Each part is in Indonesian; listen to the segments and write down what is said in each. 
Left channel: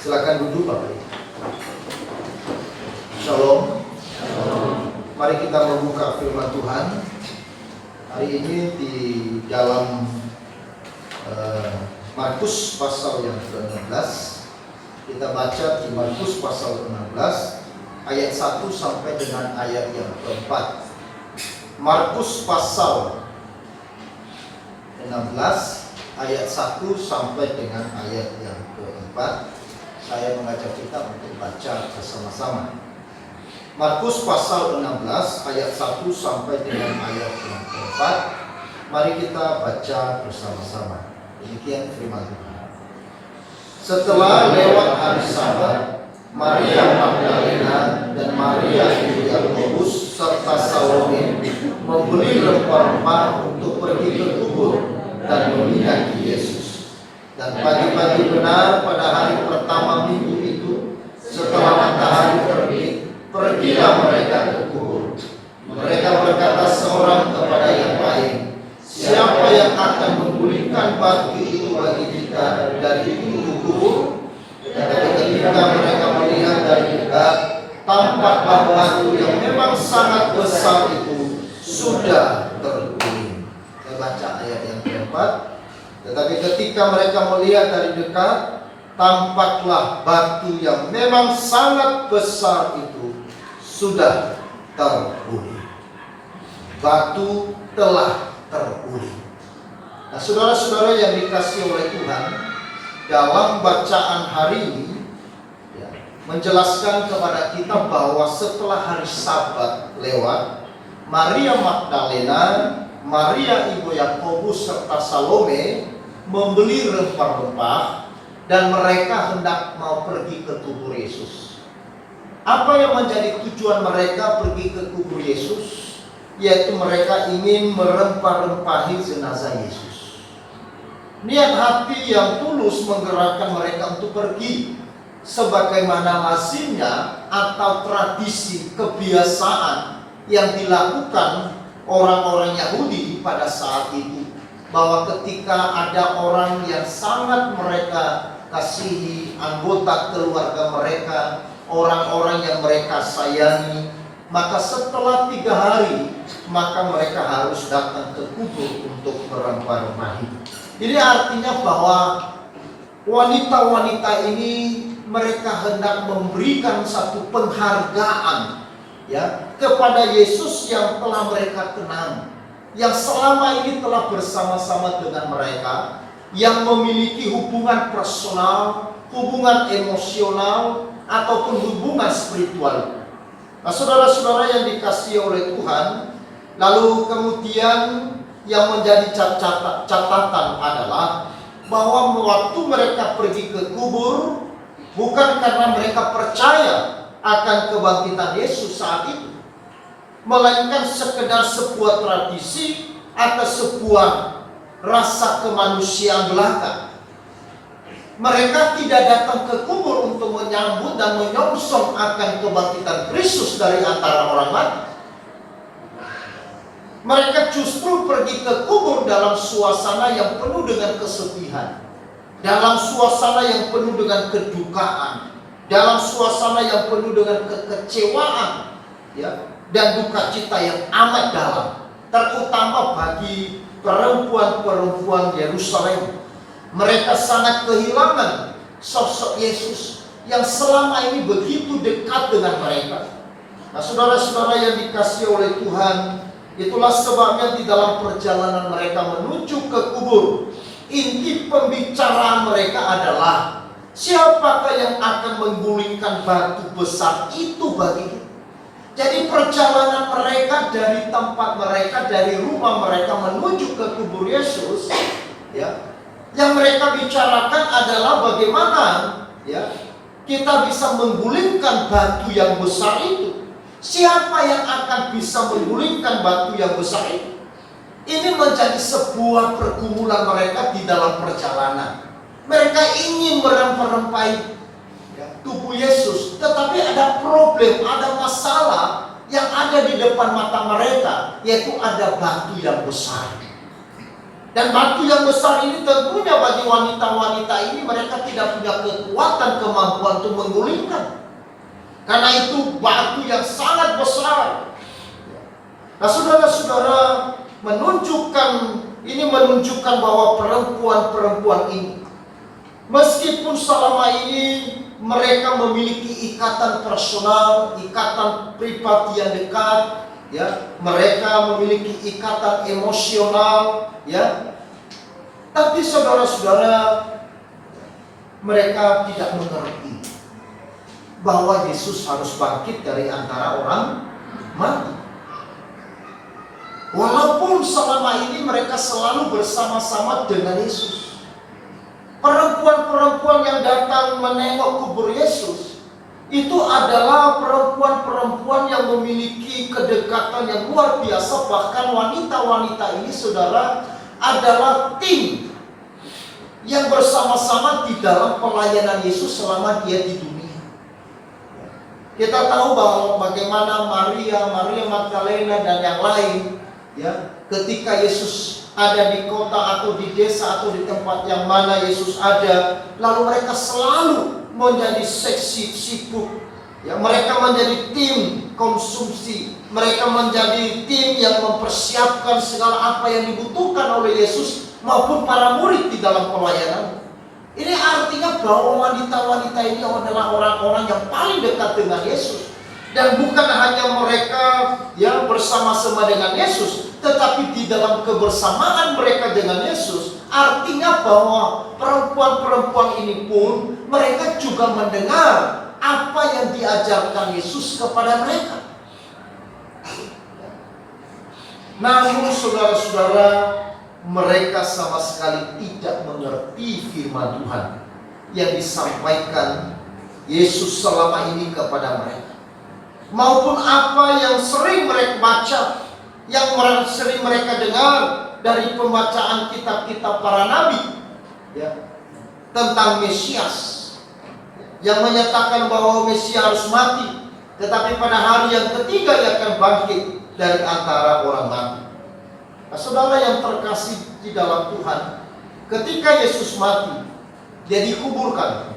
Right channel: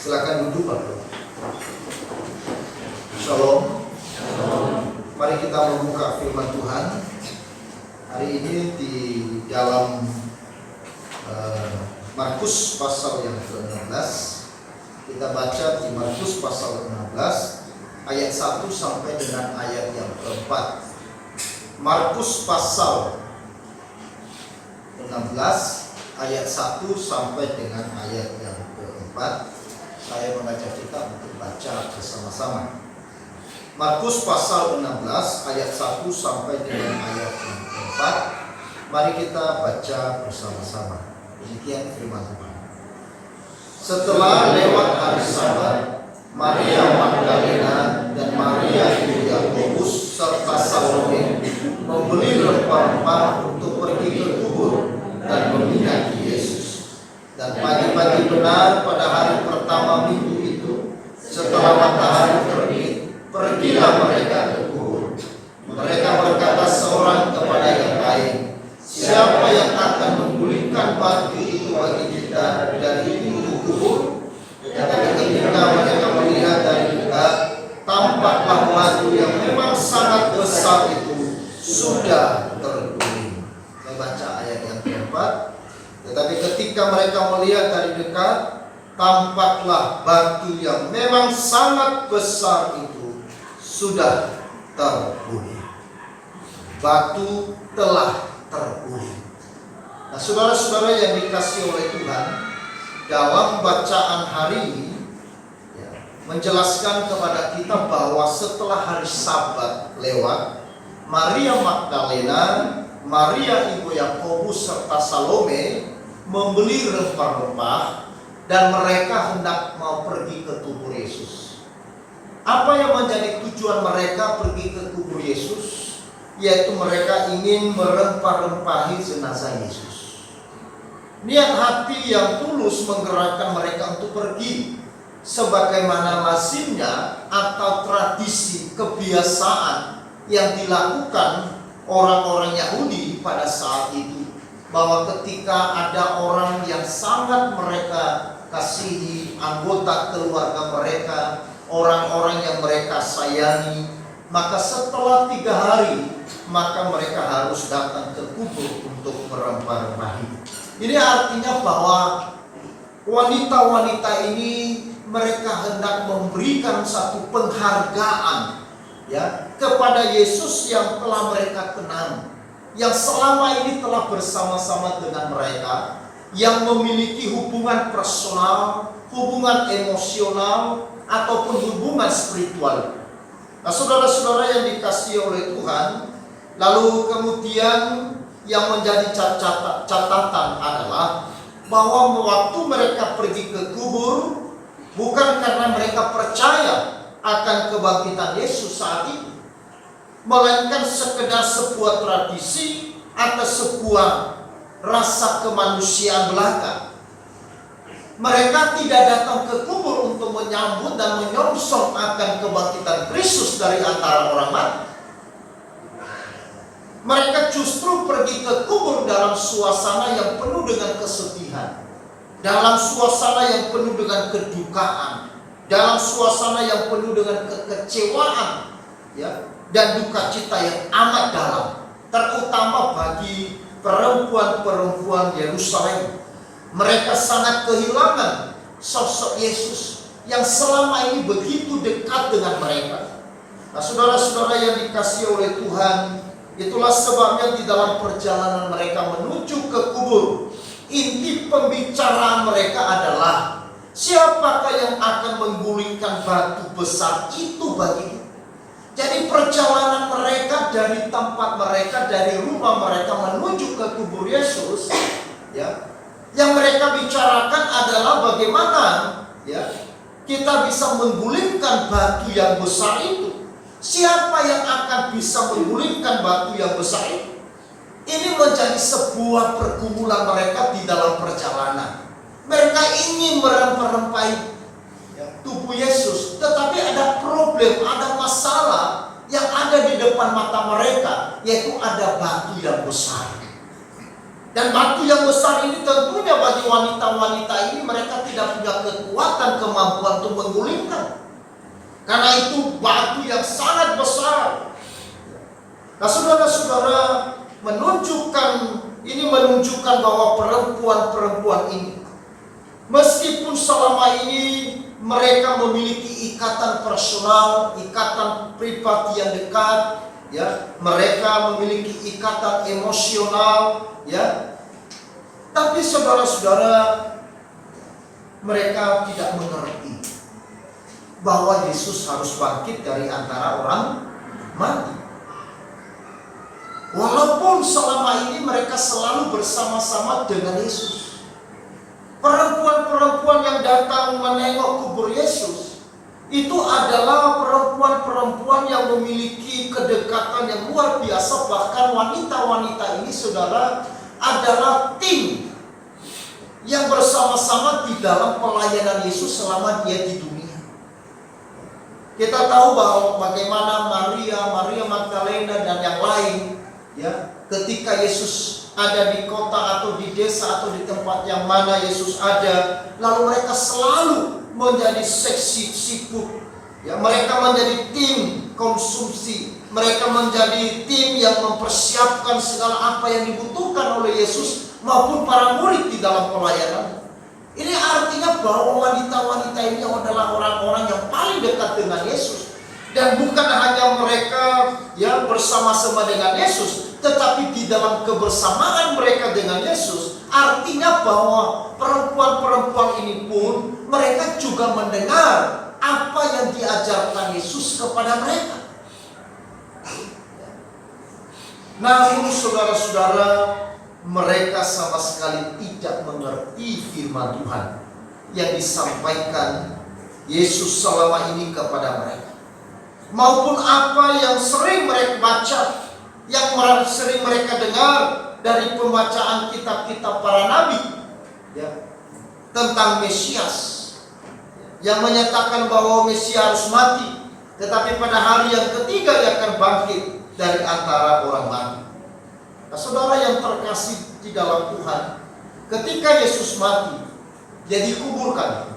Silakan duduk Bapak. Shalom. Mari kita membuka firman Tuhan. Hari ini di dalam Markus pasal yang ke-16. Kita baca di Markus pasal 16 ayat 1 sampai dengan ayat yang ke-4. Markus pasal 16 ayat 1 sampai dengan ayat yang ke-4. Saya mengajak kita untuk baca bersama-sama. Markus pasal 16 ayat 1 sampai dengan ayat yang ke-4. Mari kita baca bersama-sama. Demikian firman Tuhan. Setelah lewat hari Sabat, Maria Magdalena dan Maria ibu Yakobus serta Salome membeli rempah-rempah untuk pergi ke kubur dan meminyaki Yesus. Dan pagi-pagi benar pada hari pertama minggu itu, setelah matahari terbit, pergilah mereka ke kubur. Mereka berkata seorang kepada yang lain, siapa yang akan menggulingkan batu itu bagi kita dari pintu kubur? Tetapi ketika mereka melihat dari dekat, tampaklah batu yang memang sangat besar itu sudah terguling. Saya baca ayat yang keempat. Tetapi ketika mereka melihat dari dekat, tampaklah batu yang memang sangat besar itu sudah terguling. Batu telah terguling. Nah, saudara-saudara yang dikasihi oleh Tuhan, dalam bacaan hari ini menjelaskan kepada kita bahwa setelah hari Sabat lewat, Maria Magdalena, Maria ibu Yakobus serta Salome membeli rempah-rempah dan mereka hendak mau pergi ke kubur Yesus. Apa yang menjadi tujuan mereka pergi ke kubur Yesus? Yaitu mereka ingin merempah-rempahi jenazah Yesus. Niat hati yang tulus menggerakkan mereka untuk pergi, sebagaimana lazimnya atau tradisi kebiasaan yang dilakukan orang-orang Yahudi pada saat itu, bahwa ketika ada orang yang sangat mereka kasihi, anggota keluarga mereka, orang-orang yang mereka sayangi, maka setelah 3 hari maka mereka harus datang ke kubur untuk merempah-rempahi. Ini artinya bahwa wanita-wanita ini mereka hendak memberikan satu penghargaan kepada Yesus yang telah mereka kenal, yang selama ini telah bersama-sama dengan mereka, yang memiliki hubungan personal, hubungan emosional, ataupun hubungan spiritual. Nah, saudara-saudara yang dikasihi oleh Tuhan, lalu kemudian yang menjadi catatan adalah bahwa waktu mereka pergi ke kubur bukan karena mereka percaya akan kebangkitan Yesus saat itu, melainkan sekedar sebuah tradisi atau sebuah rasa kemanusiaan belaka. Mereka tidak datang ke kubur untuk menyambut dan menyongsong akan kebangkitan Kristus dari antara orang mati. Mereka justru pergi ke kubur dalam suasana yang penuh dengan kesedihan, dalam suasana yang penuh dengan kedukaan, dalam suasana yang penuh dengan kekecewaan, dan duka cita yang amat dalam, terutama bagi perempuan-perempuan Yerusalem. Mereka sangat kehilangan sosok Yesus yang selama ini begitu dekat dengan mereka. Nah, saudara-saudara yang dikasihi oleh Tuhan, itulah sebabnya di dalam perjalanan mereka menuju ke kubur, inti pembicaraan mereka adalah siapakah yang akan menggulingkan batu besar itu baginya. Jadi perjalanan mereka dari tempat mereka, dari rumah mereka menuju ke kubur Yesus, yang mereka bicarakan adalah bagaimana kita bisa menggulingkan batu yang besar itu. Siapa yang akan bisa menggulingkan batu yang besar itu? Ini menjadi sebuah pergumulan mereka di dalam perjalanan. Mereka ingin merempah-rempahi tubuh Yesus, tetapi ada problem, ada masalah yang ada di depan mata mereka, yaitu ada batu yang besar. Dan batu yang besar ini tentunya bagi wanita-wanita ini mereka tidak punya kekuatan, kemampuan untuk menggulingkan. Karena itu batu yang sangat besar. Nah, saudara-saudara, menunjukkan bahwa perempuan-perempuan ini, meskipun selama ini mereka memiliki ikatan personal, ikatan pribadi yang dekat, ya, mereka memiliki ikatan emosional, ya, tapi saudara-saudara, mereka tidak mengerti bahwa Yesus harus bangkit dari antara orang mati. Walaupun selama ini mereka selalu bersama-sama dengan Yesus. Perempuan-perempuan yang datang menengok kubur Yesus itu adalah perempuan-perempuan yang memiliki kedekatan yang luar biasa. Bahkan wanita-wanita ini, saudara, adalah tim yang bersama-sama di dalam pelayanan Yesus selama dia di dunia. Kita tahu bahwa bagaimana Maria Magdalena dan yang lain, ya, ketika Yesus ada di kota atau di desa atau di tempat yang mana Yesus ada, lalu mereka selalu menjadi seksi sibuk, ya, mereka menjadi tim konsumsi, mereka menjadi tim yang mempersiapkan segala apa yang dibutuhkan oleh Yesus maupun para murid di dalam pelayanan. Ini artinya bahwa wanita-wanita ini adalah orang-orang yang paling dekat dengan Yesus. Dan bukan hanya mereka yang bersama-sama dengan Yesus, tetapi di dalam kebersamaan mereka dengan Yesus, artinya bahwa perempuan-perempuan ini pun mereka juga mendengar apa yang diajarkan Yesus kepada mereka. Namun saudara-saudara, mereka sama sekali tidak mengerti firman Tuhan yang disampaikan Yesus selama ini kepada mereka, maupun apa yang sering mereka baca, yang sering mereka dengar dari pembacaan kitab-kitab para nabi, ya, tentang Mesias yang menyatakan bahwa Mesias harus mati, tetapi pada hari yang ketiga dia akan bangkit dari antara orang mati. Nah, saudara yang terkasih di dalam Tuhan, ketika Yesus mati, dia dikuburkan.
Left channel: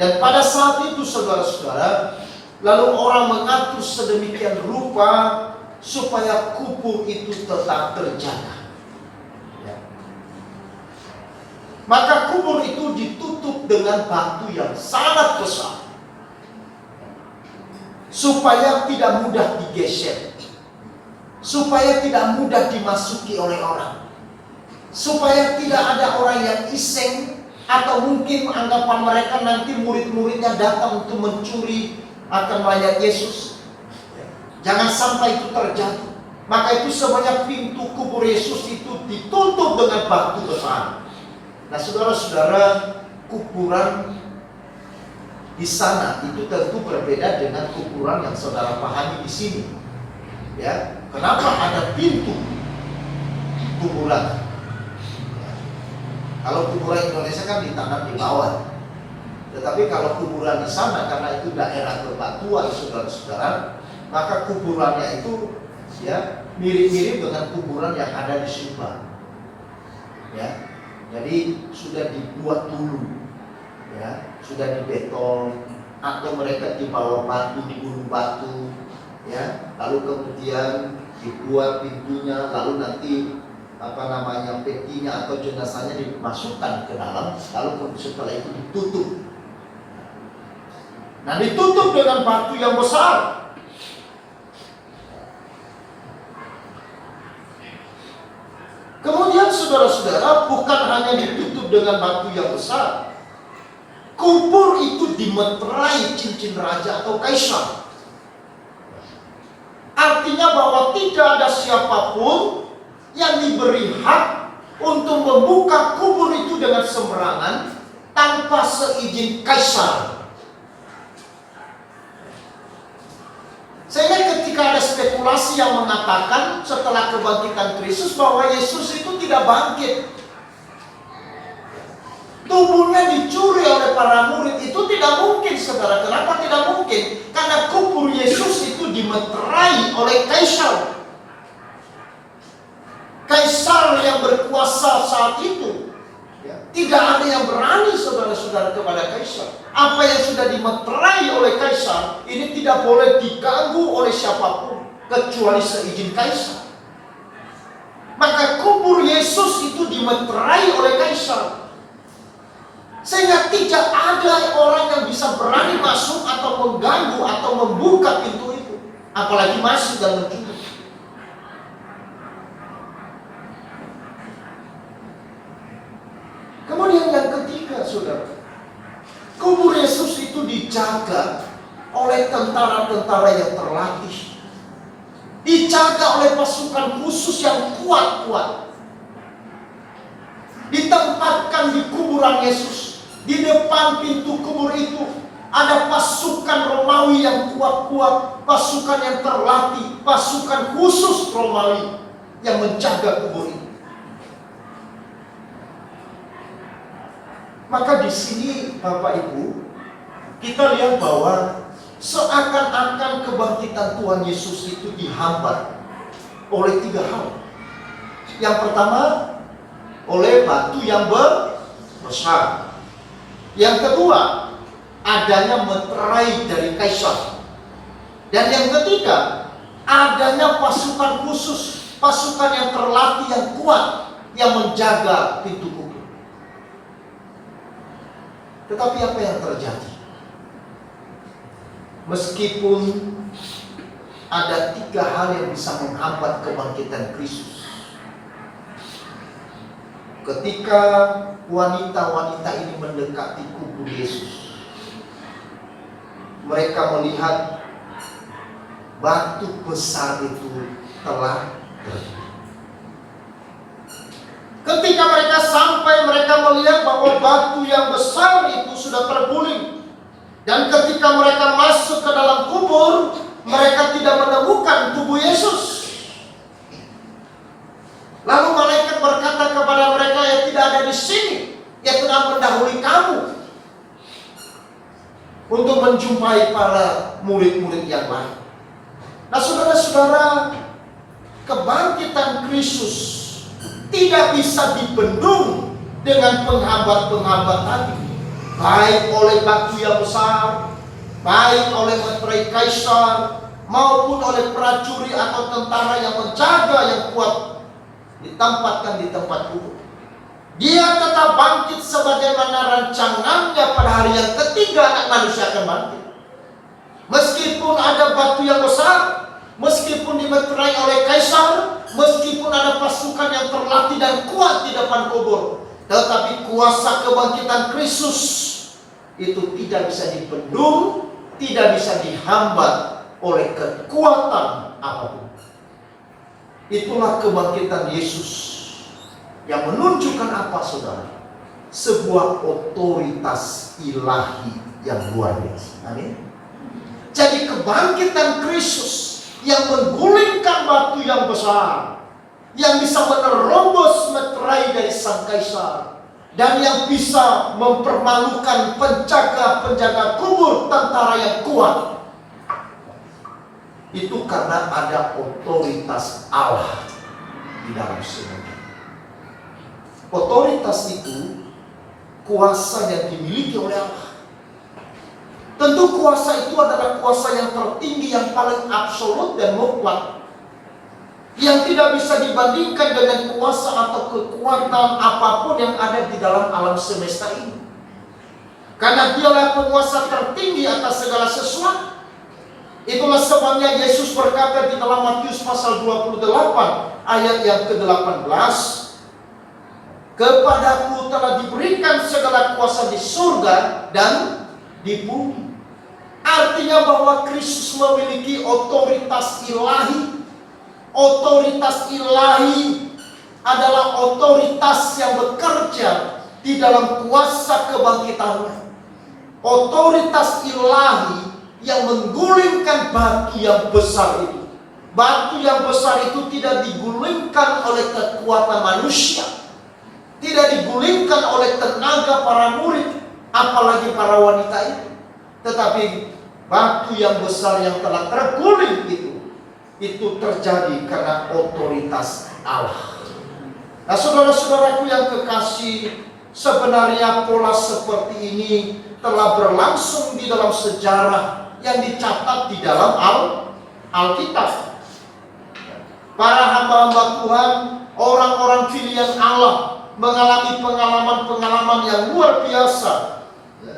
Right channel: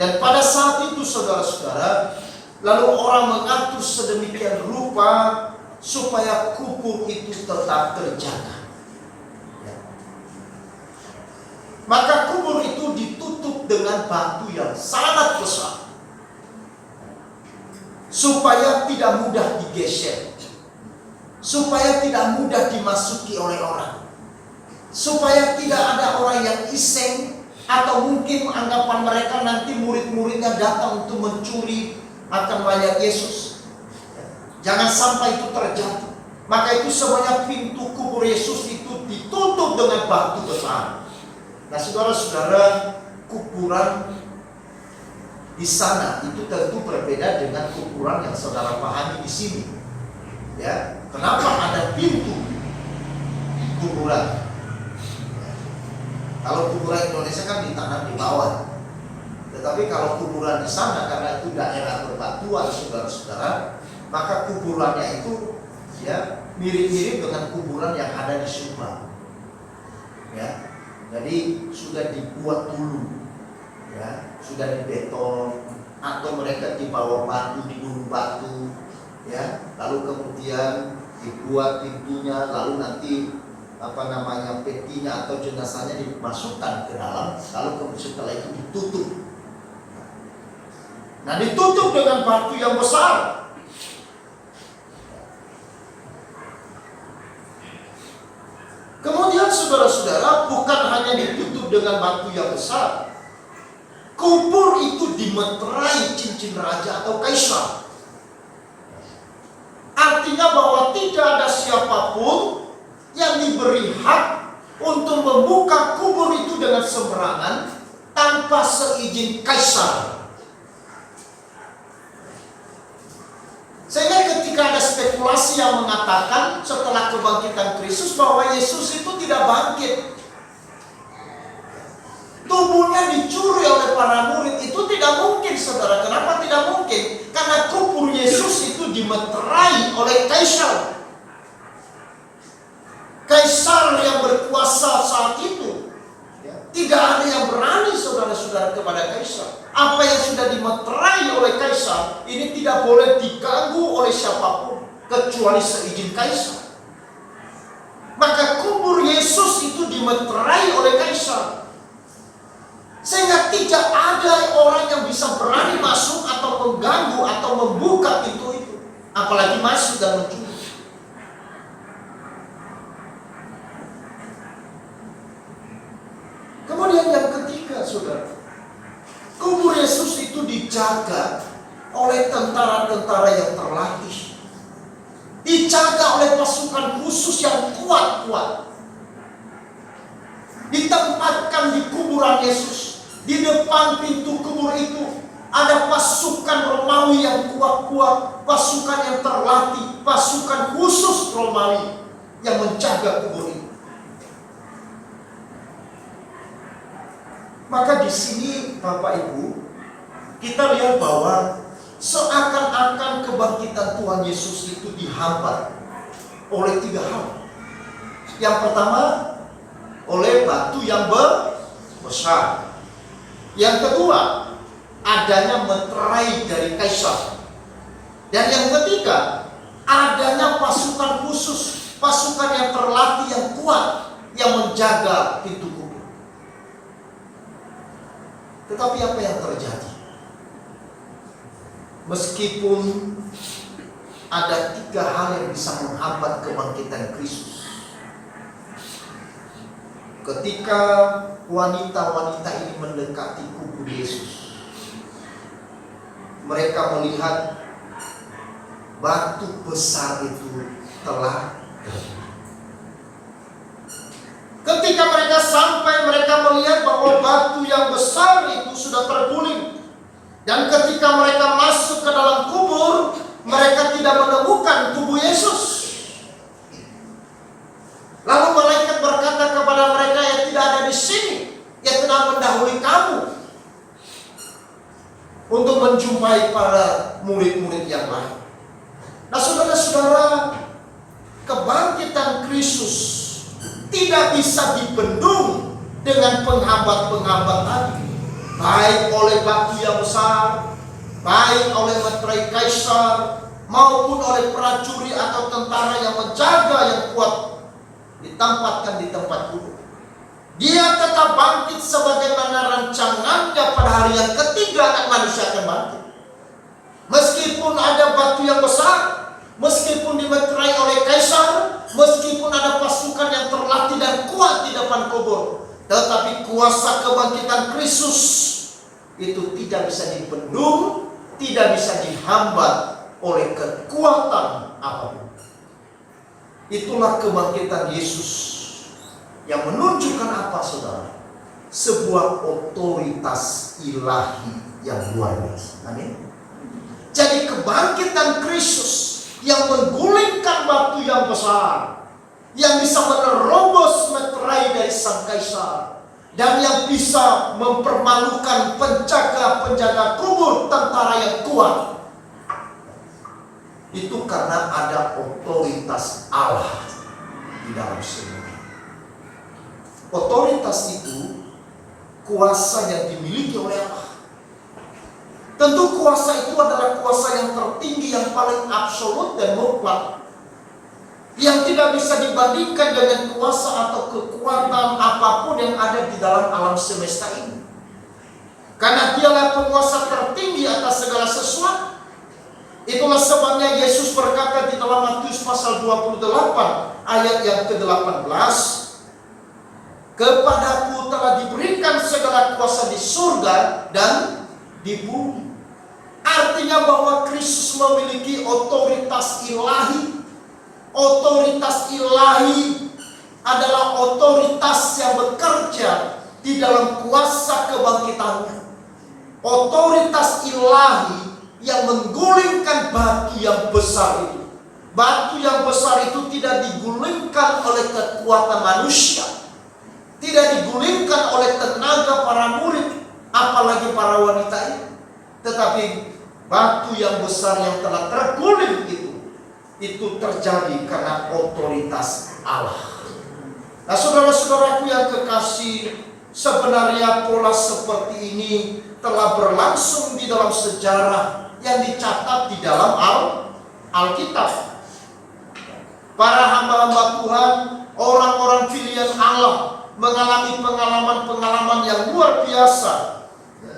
Dan pada saat itu saudara-saudara, lalu orang mengatur sedemikian rupa supaya kubur itu tetap terjaga. Ya. Maka kubur itu ditutup dengan batu yang sangat besar, supaya tidak mudah digeser, supaya tidak mudah dimasuki oleh orang, supaya tidak ada orang yang iseng, atau mungkin anggapan mereka nanti murid-muridnya datang untuk mencuri akan mayat Yesus. Jangan sampai itu terjadi. Maka itu semuanya pintu kubur Yesus itu ditutup dengan batu besar. Nah, saudara-saudara, kuburan di sana itu tentu berbeda dengan kuburan yang saudara pahami di sini. Ya, kenapa ada pintu kuburan? Kalau kuburan Indonesia kan ditanam di bawah. Tetapi kalau kuburan di sana, karena itu daerah bebatuan, saudara-saudara, maka kuburannya itu, ya, mirip-mirip dengan kuburan yang ada di Subang. Ya, jadi sudah dibuat dulu, ya, sudah dibeton, atau mereka di bawah batu, di gunung batu, ya, lalu kemudian dibuat pintunya, lalu nanti petinya atau jenazahnya dimasukkan ke dalam, lalu setelah itu ditutup. Nah, ditutup dengan batu yang besar. Kemudian saudara-saudara, bukan hanya ditutup dengan batu yang besar, kubur itu dimeterai cincin raja atau kaisar. Artinya bahwa tidak ada siapapun yang diberi hak untuk membuka kubur itu dengan sembarangan tanpa seizin kaisar. Sehingga ketika ada spekulasi yang mengatakan setelah kebangkitan Kristus bahwa Yesus itu tidak bangkit, tubuhnya dicuri oleh para murid, itu tidak mungkin, saudara. Kenapa tidak mungkin? Karena kubur Yesus itu dimeterai oleh kaisar. Kaisar yang berkuasa saudara kepada kaisar. Apa yang sudah dimeterai oleh kaisar ini tidak boleh diganggu oleh siapapun kecuali seizin kaisar. Maka kubur Yesus itu dimeterai oleh kaisar, sehingga tidak ada orang yang bisa berani masuk atau mengganggu atau membuka pintu itu, apalagi masuk dan mencuri. Kemudian yang ketiga, saudara, kubur Yesus itu dijaga oleh tentara-tentara yang terlatih, dijaga oleh pasukan khusus yang kuat-kuat. Ditempatkan di kuburan Yesus, di depan pintu kubur itu ada pasukan Romawi yang kuat-kuat, pasukan yang terlatih, pasukan khusus Romawi yang menjaga kubur itu. Maka di sini Bapak Ibu, kita lihat bahwa seakan-akan kebangkitan Tuhan Yesus itu dihambat oleh tiga hal. Yang pertama, oleh batu yang besar. Yang kedua, adanya meterai dari kaisar. Dan yang ketiga, adanya pasukan khusus, pasukan yang terlatih yang kuat yang menjaga pintu kubur. Tetapi apa yang terjadi? Meskipun ada tiga hal yang bisa menghambat kebangkitan Kristus, ketika wanita-wanita ini mendekati kubur Yesus, mereka melihat batu besar itu telah terbuka. Ketika mereka sampai, mereka melihat bahwa batu yang besar itu sudah terguling. Dan ketika mereka masuk ke dalam kubur, mereka tidak menemukan tubuh Yesus. Lalu malaikat berkata kepada mereka, "Ya tidak ada di sini, ya telah mendahului kamu untuk menjumpai para murid-murid yang lain." Nah, saudara-saudara, kebangkitan Kristus tidak bisa dibendung dengan penghambat-penghambat tadi, baik oleh batu yang besar, baik oleh meterai kaisar, maupun oleh prajurit atau tentara yang menjaga yang kuat ditempatkan di tempat kubur. Dia tetap bangkit sebagaimana rancangannya pada hari yang ketiga anak manusia akan bangkit. Meskipun ada batu yang besar, meskipun dimeterai oleh kaisar, meskipun ada pasukan yang terlatih dan kuat di depan kubur, tetapi kuasa kebangkitan Kristus itu tidak bisa dibendung, tidak bisa dihambat oleh kekuatan apapun. Itulah kebangkitan Yesus yang menunjukkan apa, saudara? Sebuah otoritas ilahi yang luar biasa. Amin. Jadi kebangkitan Kristus yang menggulingkan batu yang besar, yang bisa menerobos meterai dari sang kaisar, dan yang bisa mempermalukan penjaga-penjaga kubur, tentara yang kuat, itu karena ada otoritas Allah di dalam semuanya. Otoritas itu kuasa yang dimiliki oleh Allah. Tentu kuasa itu adalah kuasa yang tertinggi, yang paling absolut dan mutlak, yang tidak bisa dibandingkan dengan kuasa atau kekuatan apapun yang ada di dalam alam semesta ini. Karena dialah penguasa tertinggi atas segala sesuatu. Itulah sebabnya Yesus berkata di dalam Matius pasal 28 ayat yang ke-18, "Kepadaku telah diberikan segala kuasa di surga dan di bumi." Artinya bahwa Kristus memiliki otoritas ilahi. Otoritas ilahi adalah otoritas yang bekerja di dalam kuasa kebangkitannya. Otoritas ilahi yang menggulingkan batu yang besar itu. Batu yang besar itu tidak digulingkan oleh kekuatan manusia, tidak digulingkan oleh tenaga para murid, apalagi para wanita itu. Tetapi batu yang besar yang telah terguling itu terjadi karena otoritas Allah. Nah, saudara-saudaraku yang kekasih, Sebenarnya pola seperti ini telah berlangsung di dalam sejarah yang dicatat di dalam Alkitab. Para hamba-hamba Tuhan, orang-orang pilihan Allah, mengalami pengalaman-pengalaman yang luar biasa,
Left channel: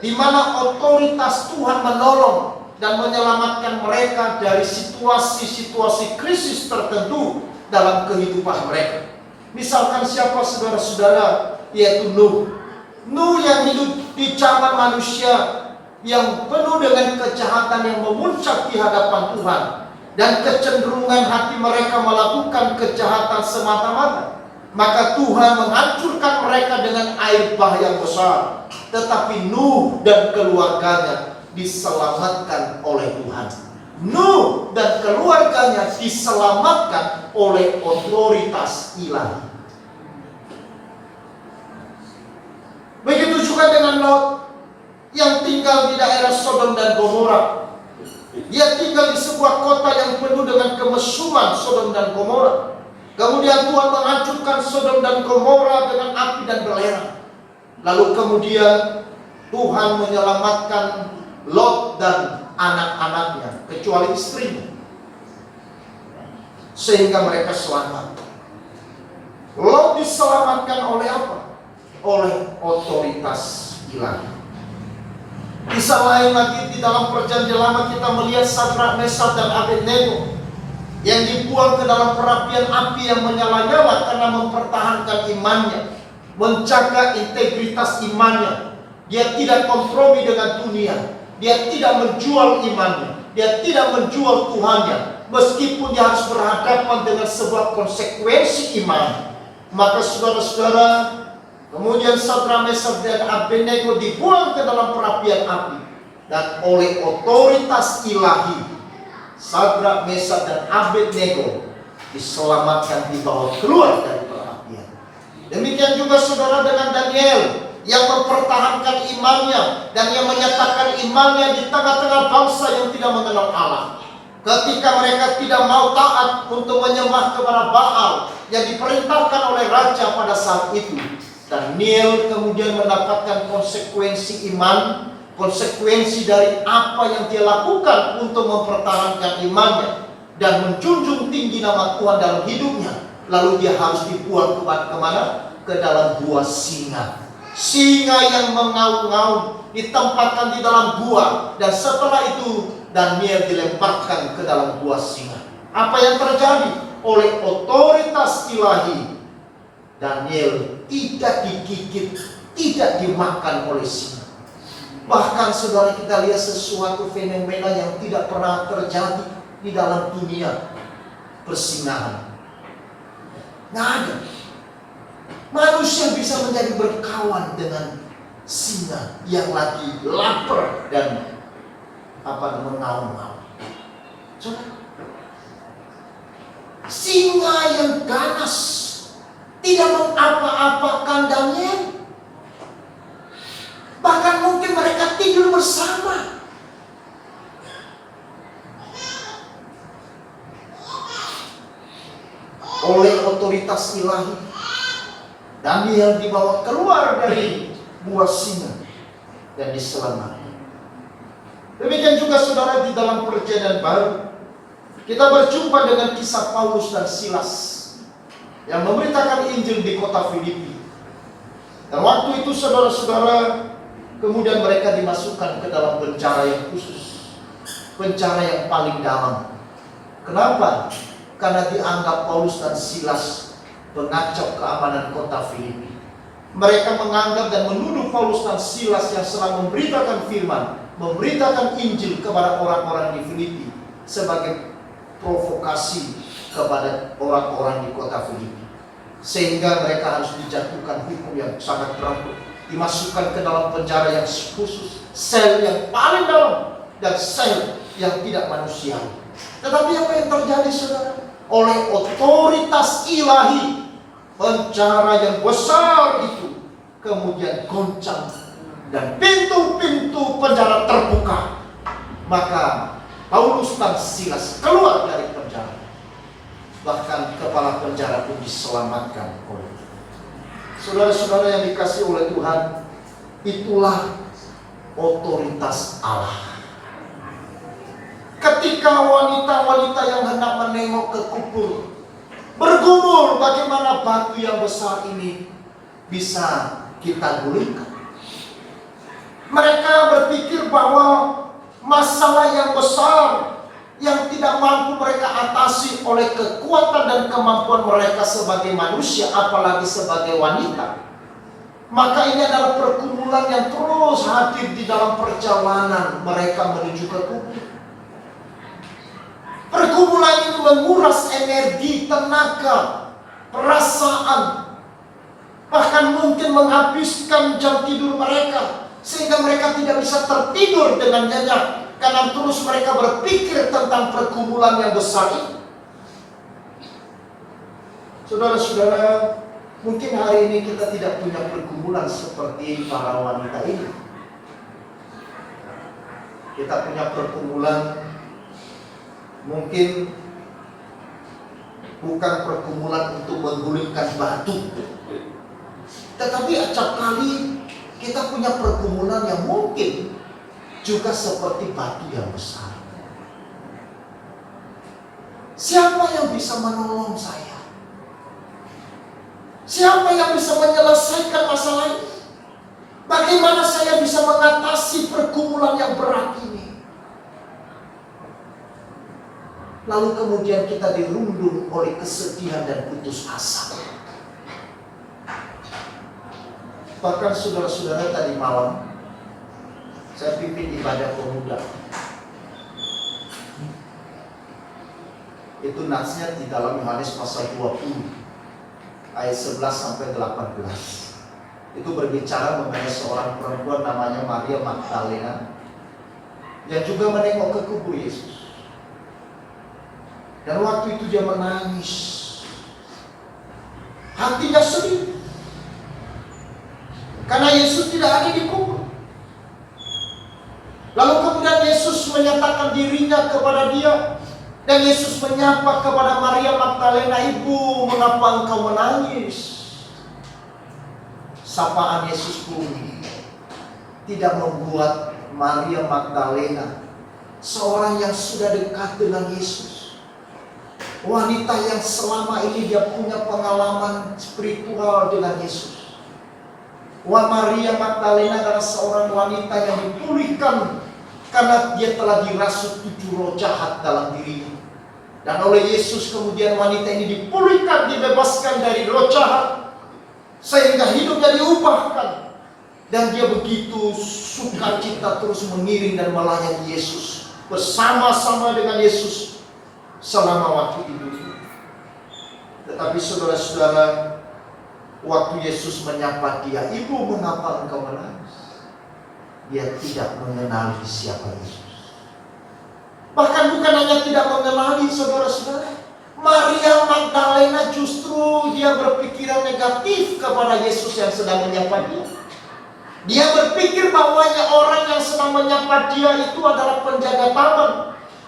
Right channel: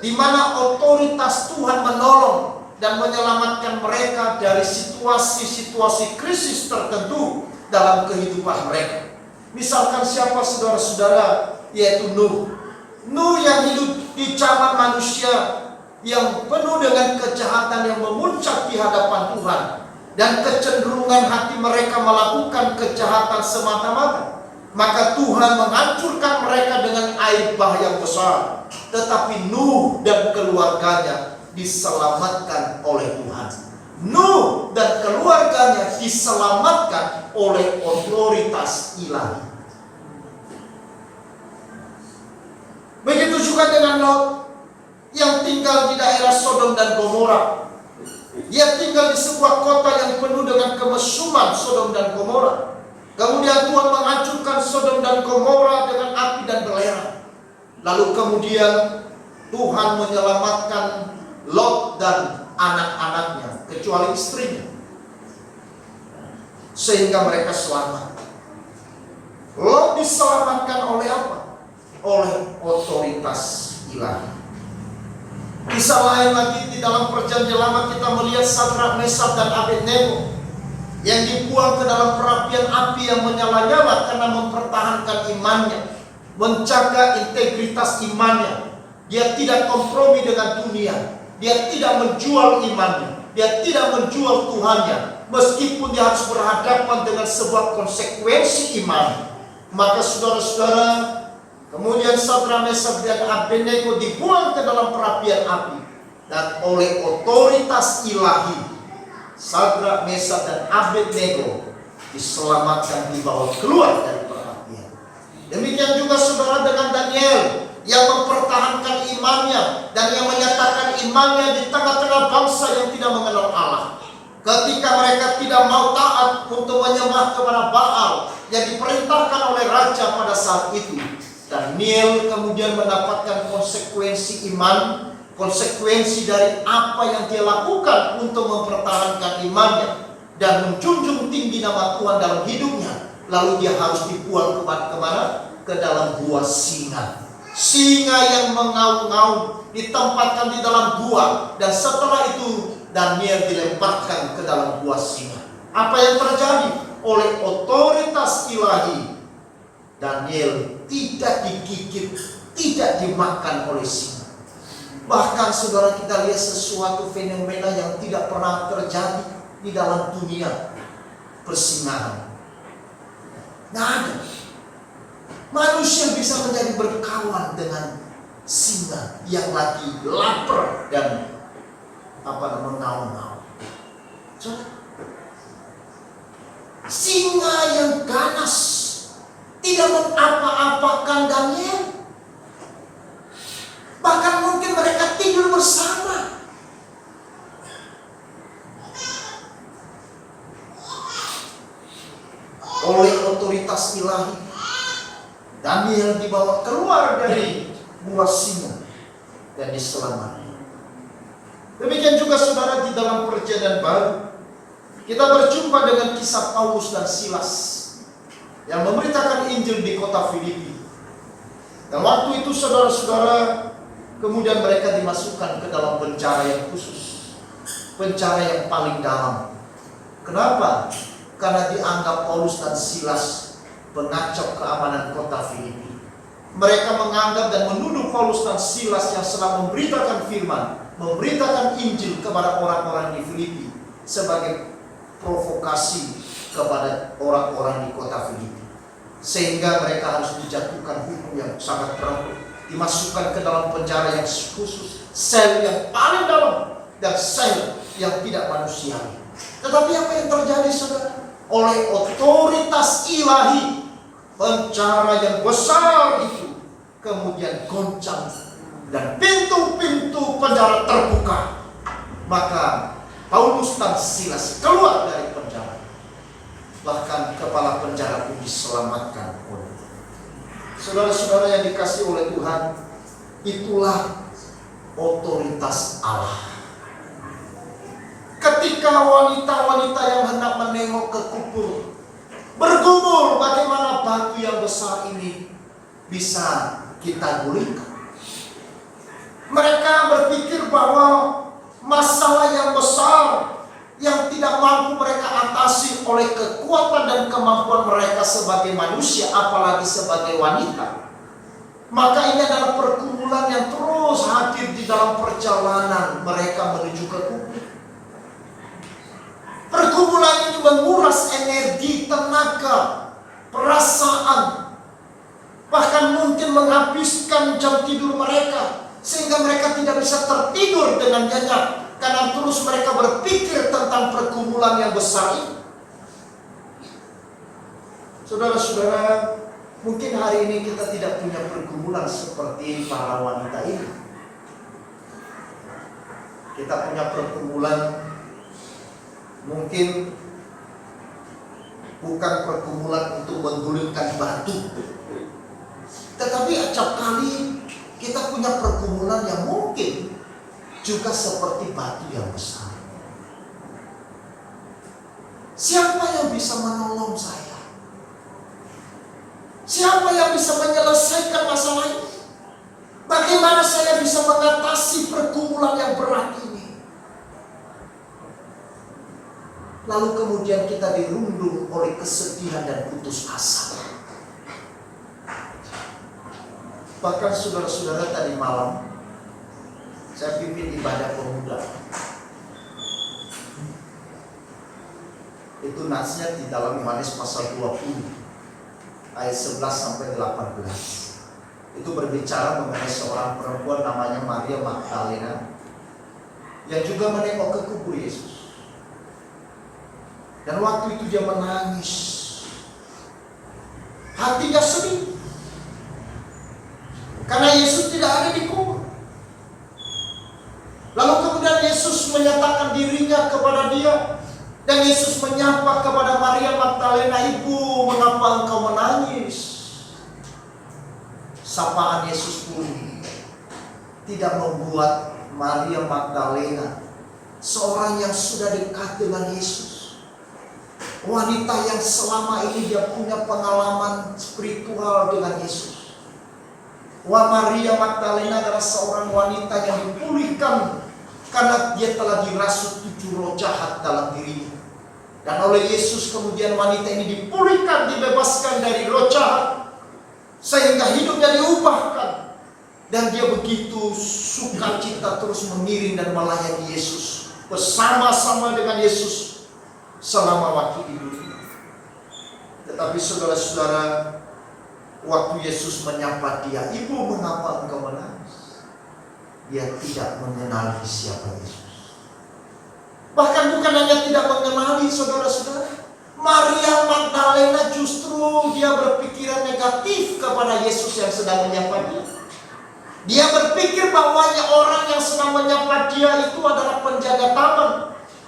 di mana otoritas Tuhan menolong dan menyelamatkan mereka dari situasi-situasi krisis tertentu dalam kehidupan mereka. Misalkan siapa saudara-saudara, yaitu Nuh. Nuh yang hidup di zaman manusia yang penuh dengan kejahatan yang memuncak di hadapan Tuhan, dan kecenderungan hati mereka melakukan kejahatan semata-mata. Maka Tuhan menghancurkan mereka dengan air bah yang besar. Tetapi Nuh dan keluarganya diselamatkan oleh Tuhan. Nuh dan keluarganya diselamatkan oleh otoritas ilahi. Begitu juga dengan Lot yang tinggal di daerah Sodom dan Gomora. Dia tinggal di sebuah kota yang penuh dengan kemesuman Sodom dan Gomora. Kemudian Tuhan menghancurkan Sodom dan Gomora dengan api dan belerang. Lalu kemudian Tuhan menyelamatkan Lot dan anak-anaknya, kecuali istrinya, sehingga mereka selamat. Lot diselamatkan oleh apa? Oleh otoritas ilahi. Kisah lain lagi di dalam perjanjian lama kita melihat Sadrak, Mesak dan Abednego yang dibuang ke dalam perapian api yang menyala-nyala karena mempertahankan imannya, menjaga integritas imannya. Dia tidak kompromi dengan dunia, dia tidak menjual imannya, dia tidak menjual Tuhannya, meskipun dia harus berhadapan dengan sebuah konsekuensi iman. Maka saudara-saudara, kemudian Sadrak, Mesak dan Abednego dibuang ke dalam perapian api, dan oleh otoritas ilahi Sadrak, Mesak dan Abednego diselamatkan, dibawa keluar dari perapian. Demikian juga saudara dengan Daniel yang mempertahankan imannya dan yang menyatakan imannya di tengah-tengah bangsa yang tidak mengenal Allah. Ketika mereka tidak mau taat untuk menyembah kepada Baal yang diperintahkan oleh raja pada saat itu, Daniel kemudian mendapatkan konsekuensi iman, konsekuensi dari apa yang dia lakukan untuk mempertahankan imannya dan menjunjung tinggi nama Tuhan dalam hidupnya. Lalu dia harus dibuang kemana? Ke dalam gua singa. Singa yang mengaum-ngaum ditempatkan di dalam gua, dan setelah itu Daniel dilemparkan ke dalam gua singa. Apa yang terjadi? Oleh otoritas ilahi, Daniel tidak digigit, tidak dimakan oleh singa. Bahkan saudara, kita lihat sesuatu fenomena yang tidak pernah terjadi di dalam dunia persingahan. Nggak ada. Manusia bisa menjadi berkawan dengan singa yang lagi lapar dan mengaum-ngaum. Singa yang ganas tidak mengapa-apakan Daniel. Bahkan mungkin mereka tidur bersama. Oleh otoritas ilahi, Daniel dibawa keluar dari gua singa dan diselamatkan. Demikian juga saudara di dalam perjanjian baru, kita berjumpa dengan kisah Paulus dan Silas yang memberitakan Injil di kota Filipi. Dan waktu itu saudara-saudara, kemudian mereka dimasukkan ke dalam penjara yang khusus, penjara yang paling dalam. Kenapa? Karena dianggap Paulus dan Silas pengacau keamanan kota Filipi. Mereka menganggap dan menuduh Paulus dan Silas yang sedang memberitakan firman, memberitakan Injil kepada orang-orang di Filipi sebagai provokasi kepada orang-orang di kota Filipi. Sehingga mereka harus dijatuhkan hukum yang sangat berat, dimasukkan ke dalam penjara yang khusus, sel yang paling dalam dan sel yang tidak manusiawi. Tetapi apa yang terjadi saudara? Oleh otoritas ilahi, penjara yang besar itu kemudian goncang dan pintu-pintu penjara terbuka. Maka Paulus dan Silas keluar dari penjara. Bahkan kepala penjara pun diselamatkan oleh Tuhan. Saudara-saudara yang dikasihi oleh Tuhan, itulah otoritas Allah. Ketika wanita-wanita yang hendak menengok ke kubur bergumul, bagaimana batu yang besar ini bisa kita gulingkan. Mereka berpikir bahwa masalah yang besar yang tidak mampu mereka atasi oleh kekuatan dan kemampuan mereka sebagai manusia, apalagi sebagai wanita. Maka ini adalah pergumulan yang terus hadir di dalam perjalanan mereka menuju ke kubur. Pergumulan itu menguras energi, tenaga, perasaan, bahkan mungkin menghabiskan jam tidur mereka, sehingga mereka tidak bisa tertidur dengan nyenyak, karena terus mereka berpikir tentang pergumulan yang besar ini. Saudara-saudara, mungkin hari ini kita tidak punya pergumulan seperti para wanita ini. Kita punya pergumulan mungkin bukan pergumulan untuk menggulingkan batu, tetapi acap kali kita punya pergumulan yang mungkin juga seperti batu yang besar. Siapa yang bisa menolong saya? Siapa yang bisa menyelesaikan masalah ini? Bagaimana saya bisa mengatasi pergumulan yang berat ini? Lalu kemudian kita dirundung oleh kesedihan dan putus asa. Bahkan saudara-saudara, tadi malam saya pimpin ibadah pemuda. Itu nasnya di dalam Yohanes pasal 20 ayat 11 sampai 18. Itu berbicara mengenai seorang perempuan namanya Maria Magdalena yang juga menengok ke kubur Yesus. Dan waktu itu dia menangis, hatinya sedih, karena Yesus tidak ada di kubur. Lalu kemudian Yesus menyatakan dirinya kepada dia, dan Yesus menyapa kepada Maria Magdalena, "Ibu, mengapa engkau menangis?" Sapaan Yesus pun tidak membuat Maria Magdalena, seorang yang sudah dekat dengan Yesus, wanita yang selama ini dia punya pengalaman spiritual dengan Yesus. Maria Magdalena adalah seorang wanita yang dipulihkan karena dia telah dirasuk 7 roh jahat dalam dirinya. Dan oleh Yesus kemudian wanita ini dipulihkan, dibebaskan dari roh jahat, sehingga hidupnya diubahkan. Dan dia begitu sukacita terus mengiring dan melayani Yesus, bersama-sama dengan Yesus selama waktu hidup. Tetapi saudara-saudara, waktu Yesus menyapa dia, "Ibu, mengapa engkau menangis?" Dia tidak mengenali siapa Yesus. Bahkan bukan hanya tidak mengenali, saudara-saudara, Maria Magdalena justru dia berpikiran negatif kepada Yesus yang sedang menyapa dia. Dia berpikir bahwa orang yang sedang menyapa dia itu adalah penjaga taman.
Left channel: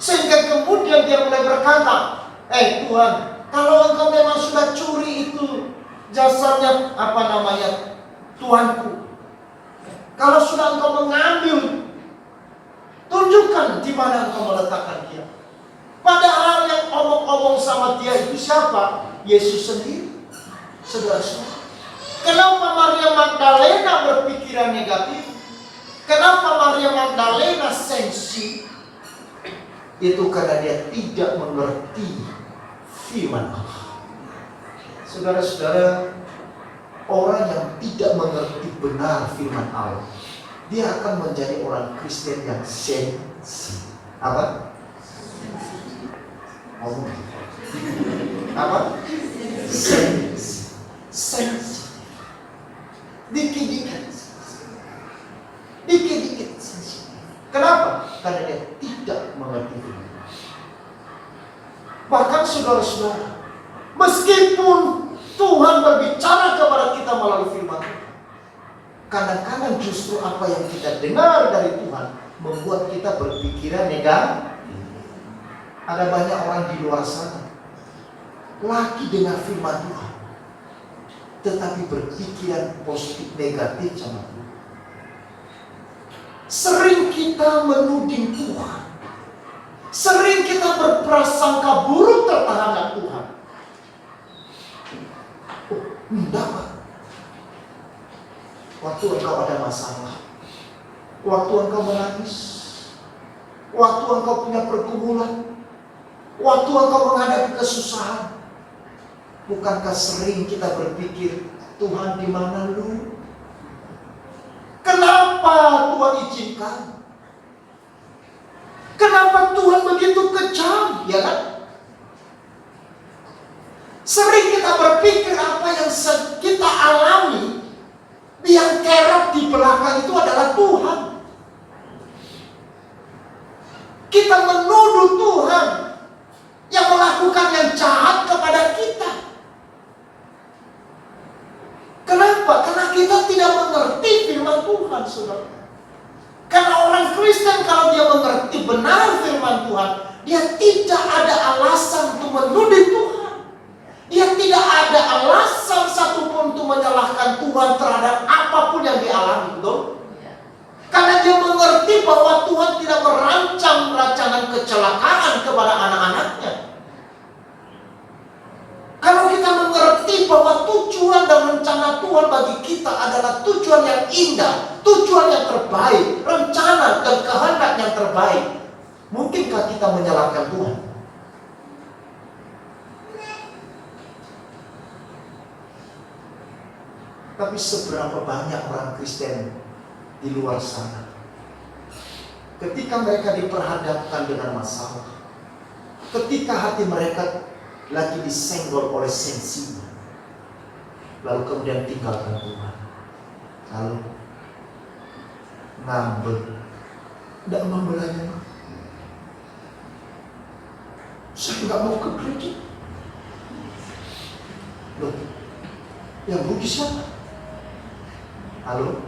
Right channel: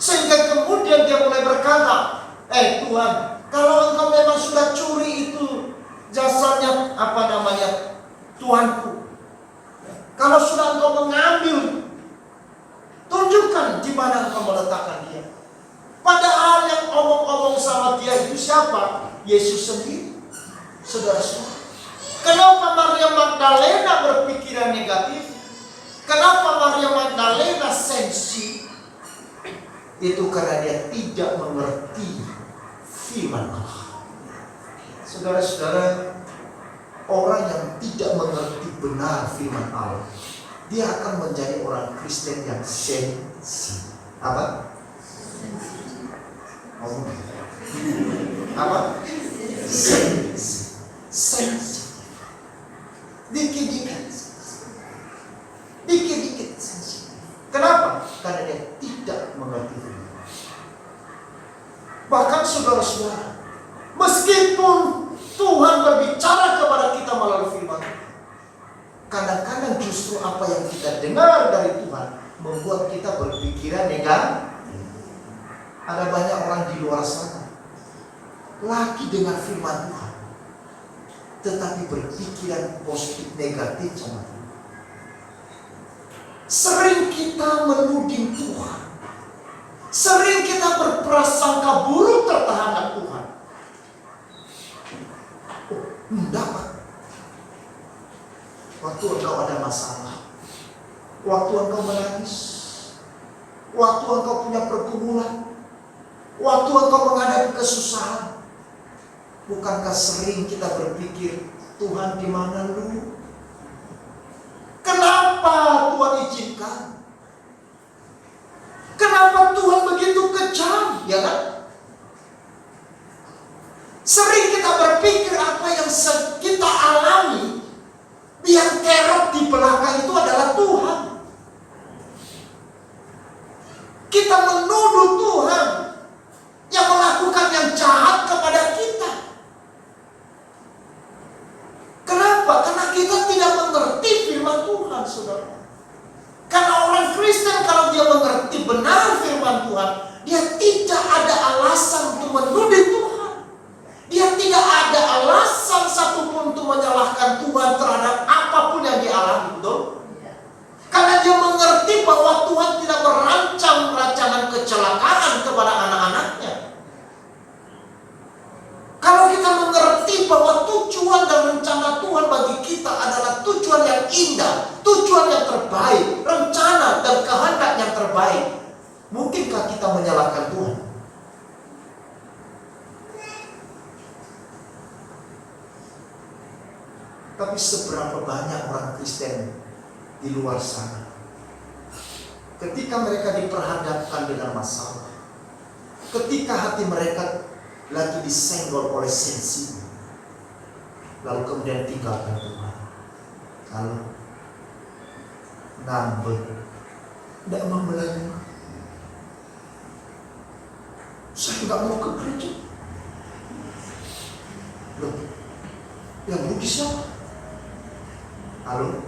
Sehingga kemudian dia mulai berkata, "Tuhan, kalau engkau memang sudah curi itu jasanya Tuanku. Kalau sudah engkau mengambil, tunjukkan di mana engkau meletakkan dia." Padahal yang omong-omong sama dia itu siapa? Yesus sendiri. Saudara-saudara, kenapa Maria Magdalena berpikiran negatif? Kenapa Maria Magdalena sensi? Itu karena dia tidak mengerti firman Allah. Saudara-saudara, orang yang tidak mengerti benar firman Allah, dia akan menjadi orang Kristen yang sensi. Apa? Sensi. Dikit-dikit sensitif. Kenapa? Karena dia tidak mengerti firman. Bahkan saudara-saudara, meskipun Tuhan berbicara kepada kita melalui firman, kadang-kadang justru apa yang kita dengar dari Tuhan membuat kita berpikiran negatif. Ada banyak orang di luar sana lagi dengar firman Tuhan, tetapi berpikiran positif negatif sama Tuhan. Sering kita menuding Tuhan. Sering kita berprasangka buruk terhadap Tuhan. Oh, enggak, Pak. Waktu engkau ada masalah, waktu engkau menangis, waktu engkau punya pergumulan, waktu engkau menghadapi kesusahan, bukankah sering kita berpikir, Tuhan di mana lu? Kenapa Tuhan izinkan? Kenapa Tuhan begitu kejam? Ya kan? Sering kita berpikir apa yang kita alami, yang kerap di belakang itu adalah Tuhan. Kita menuduh Tuhan yang melakukan yang jahat kepada kita. Kenapa? Karena kita tidak mengerti firman Tuhan, saudara. Karena orang Kristen kalau dia mengerti benar firman Tuhan, dia tidak ada alasan untuk menuduh Tuhan. Dia tidak ada alasan satupun untuk menyalahkan Tuhan terhadap apapun yang dialami, betul? Karena dia mengerti bahwa Tuhan tidak merancang rancangan kecelakaan kepada anak-anaknya. Kalau kita mengerti bahwa tujuan dan rencana Tuhan bagi kita adalah tujuan yang indah, tujuan yang terbaik, rencana dan kehendak yang terbaik, mungkinkah kita menyalahkan Tuhan? Tapi seberapa banyak orang Kristen di luar sana, ketika mereka diperhadapkan dengan masalah, ketika hati mereka lagi disenggol oleh sensinya, lalu kemudian tinggalkan Tuhan, lalu ngambek, tidak mau melayani. Saya nggak mau ke gereja. Loh, yang rugi siapa? Halo?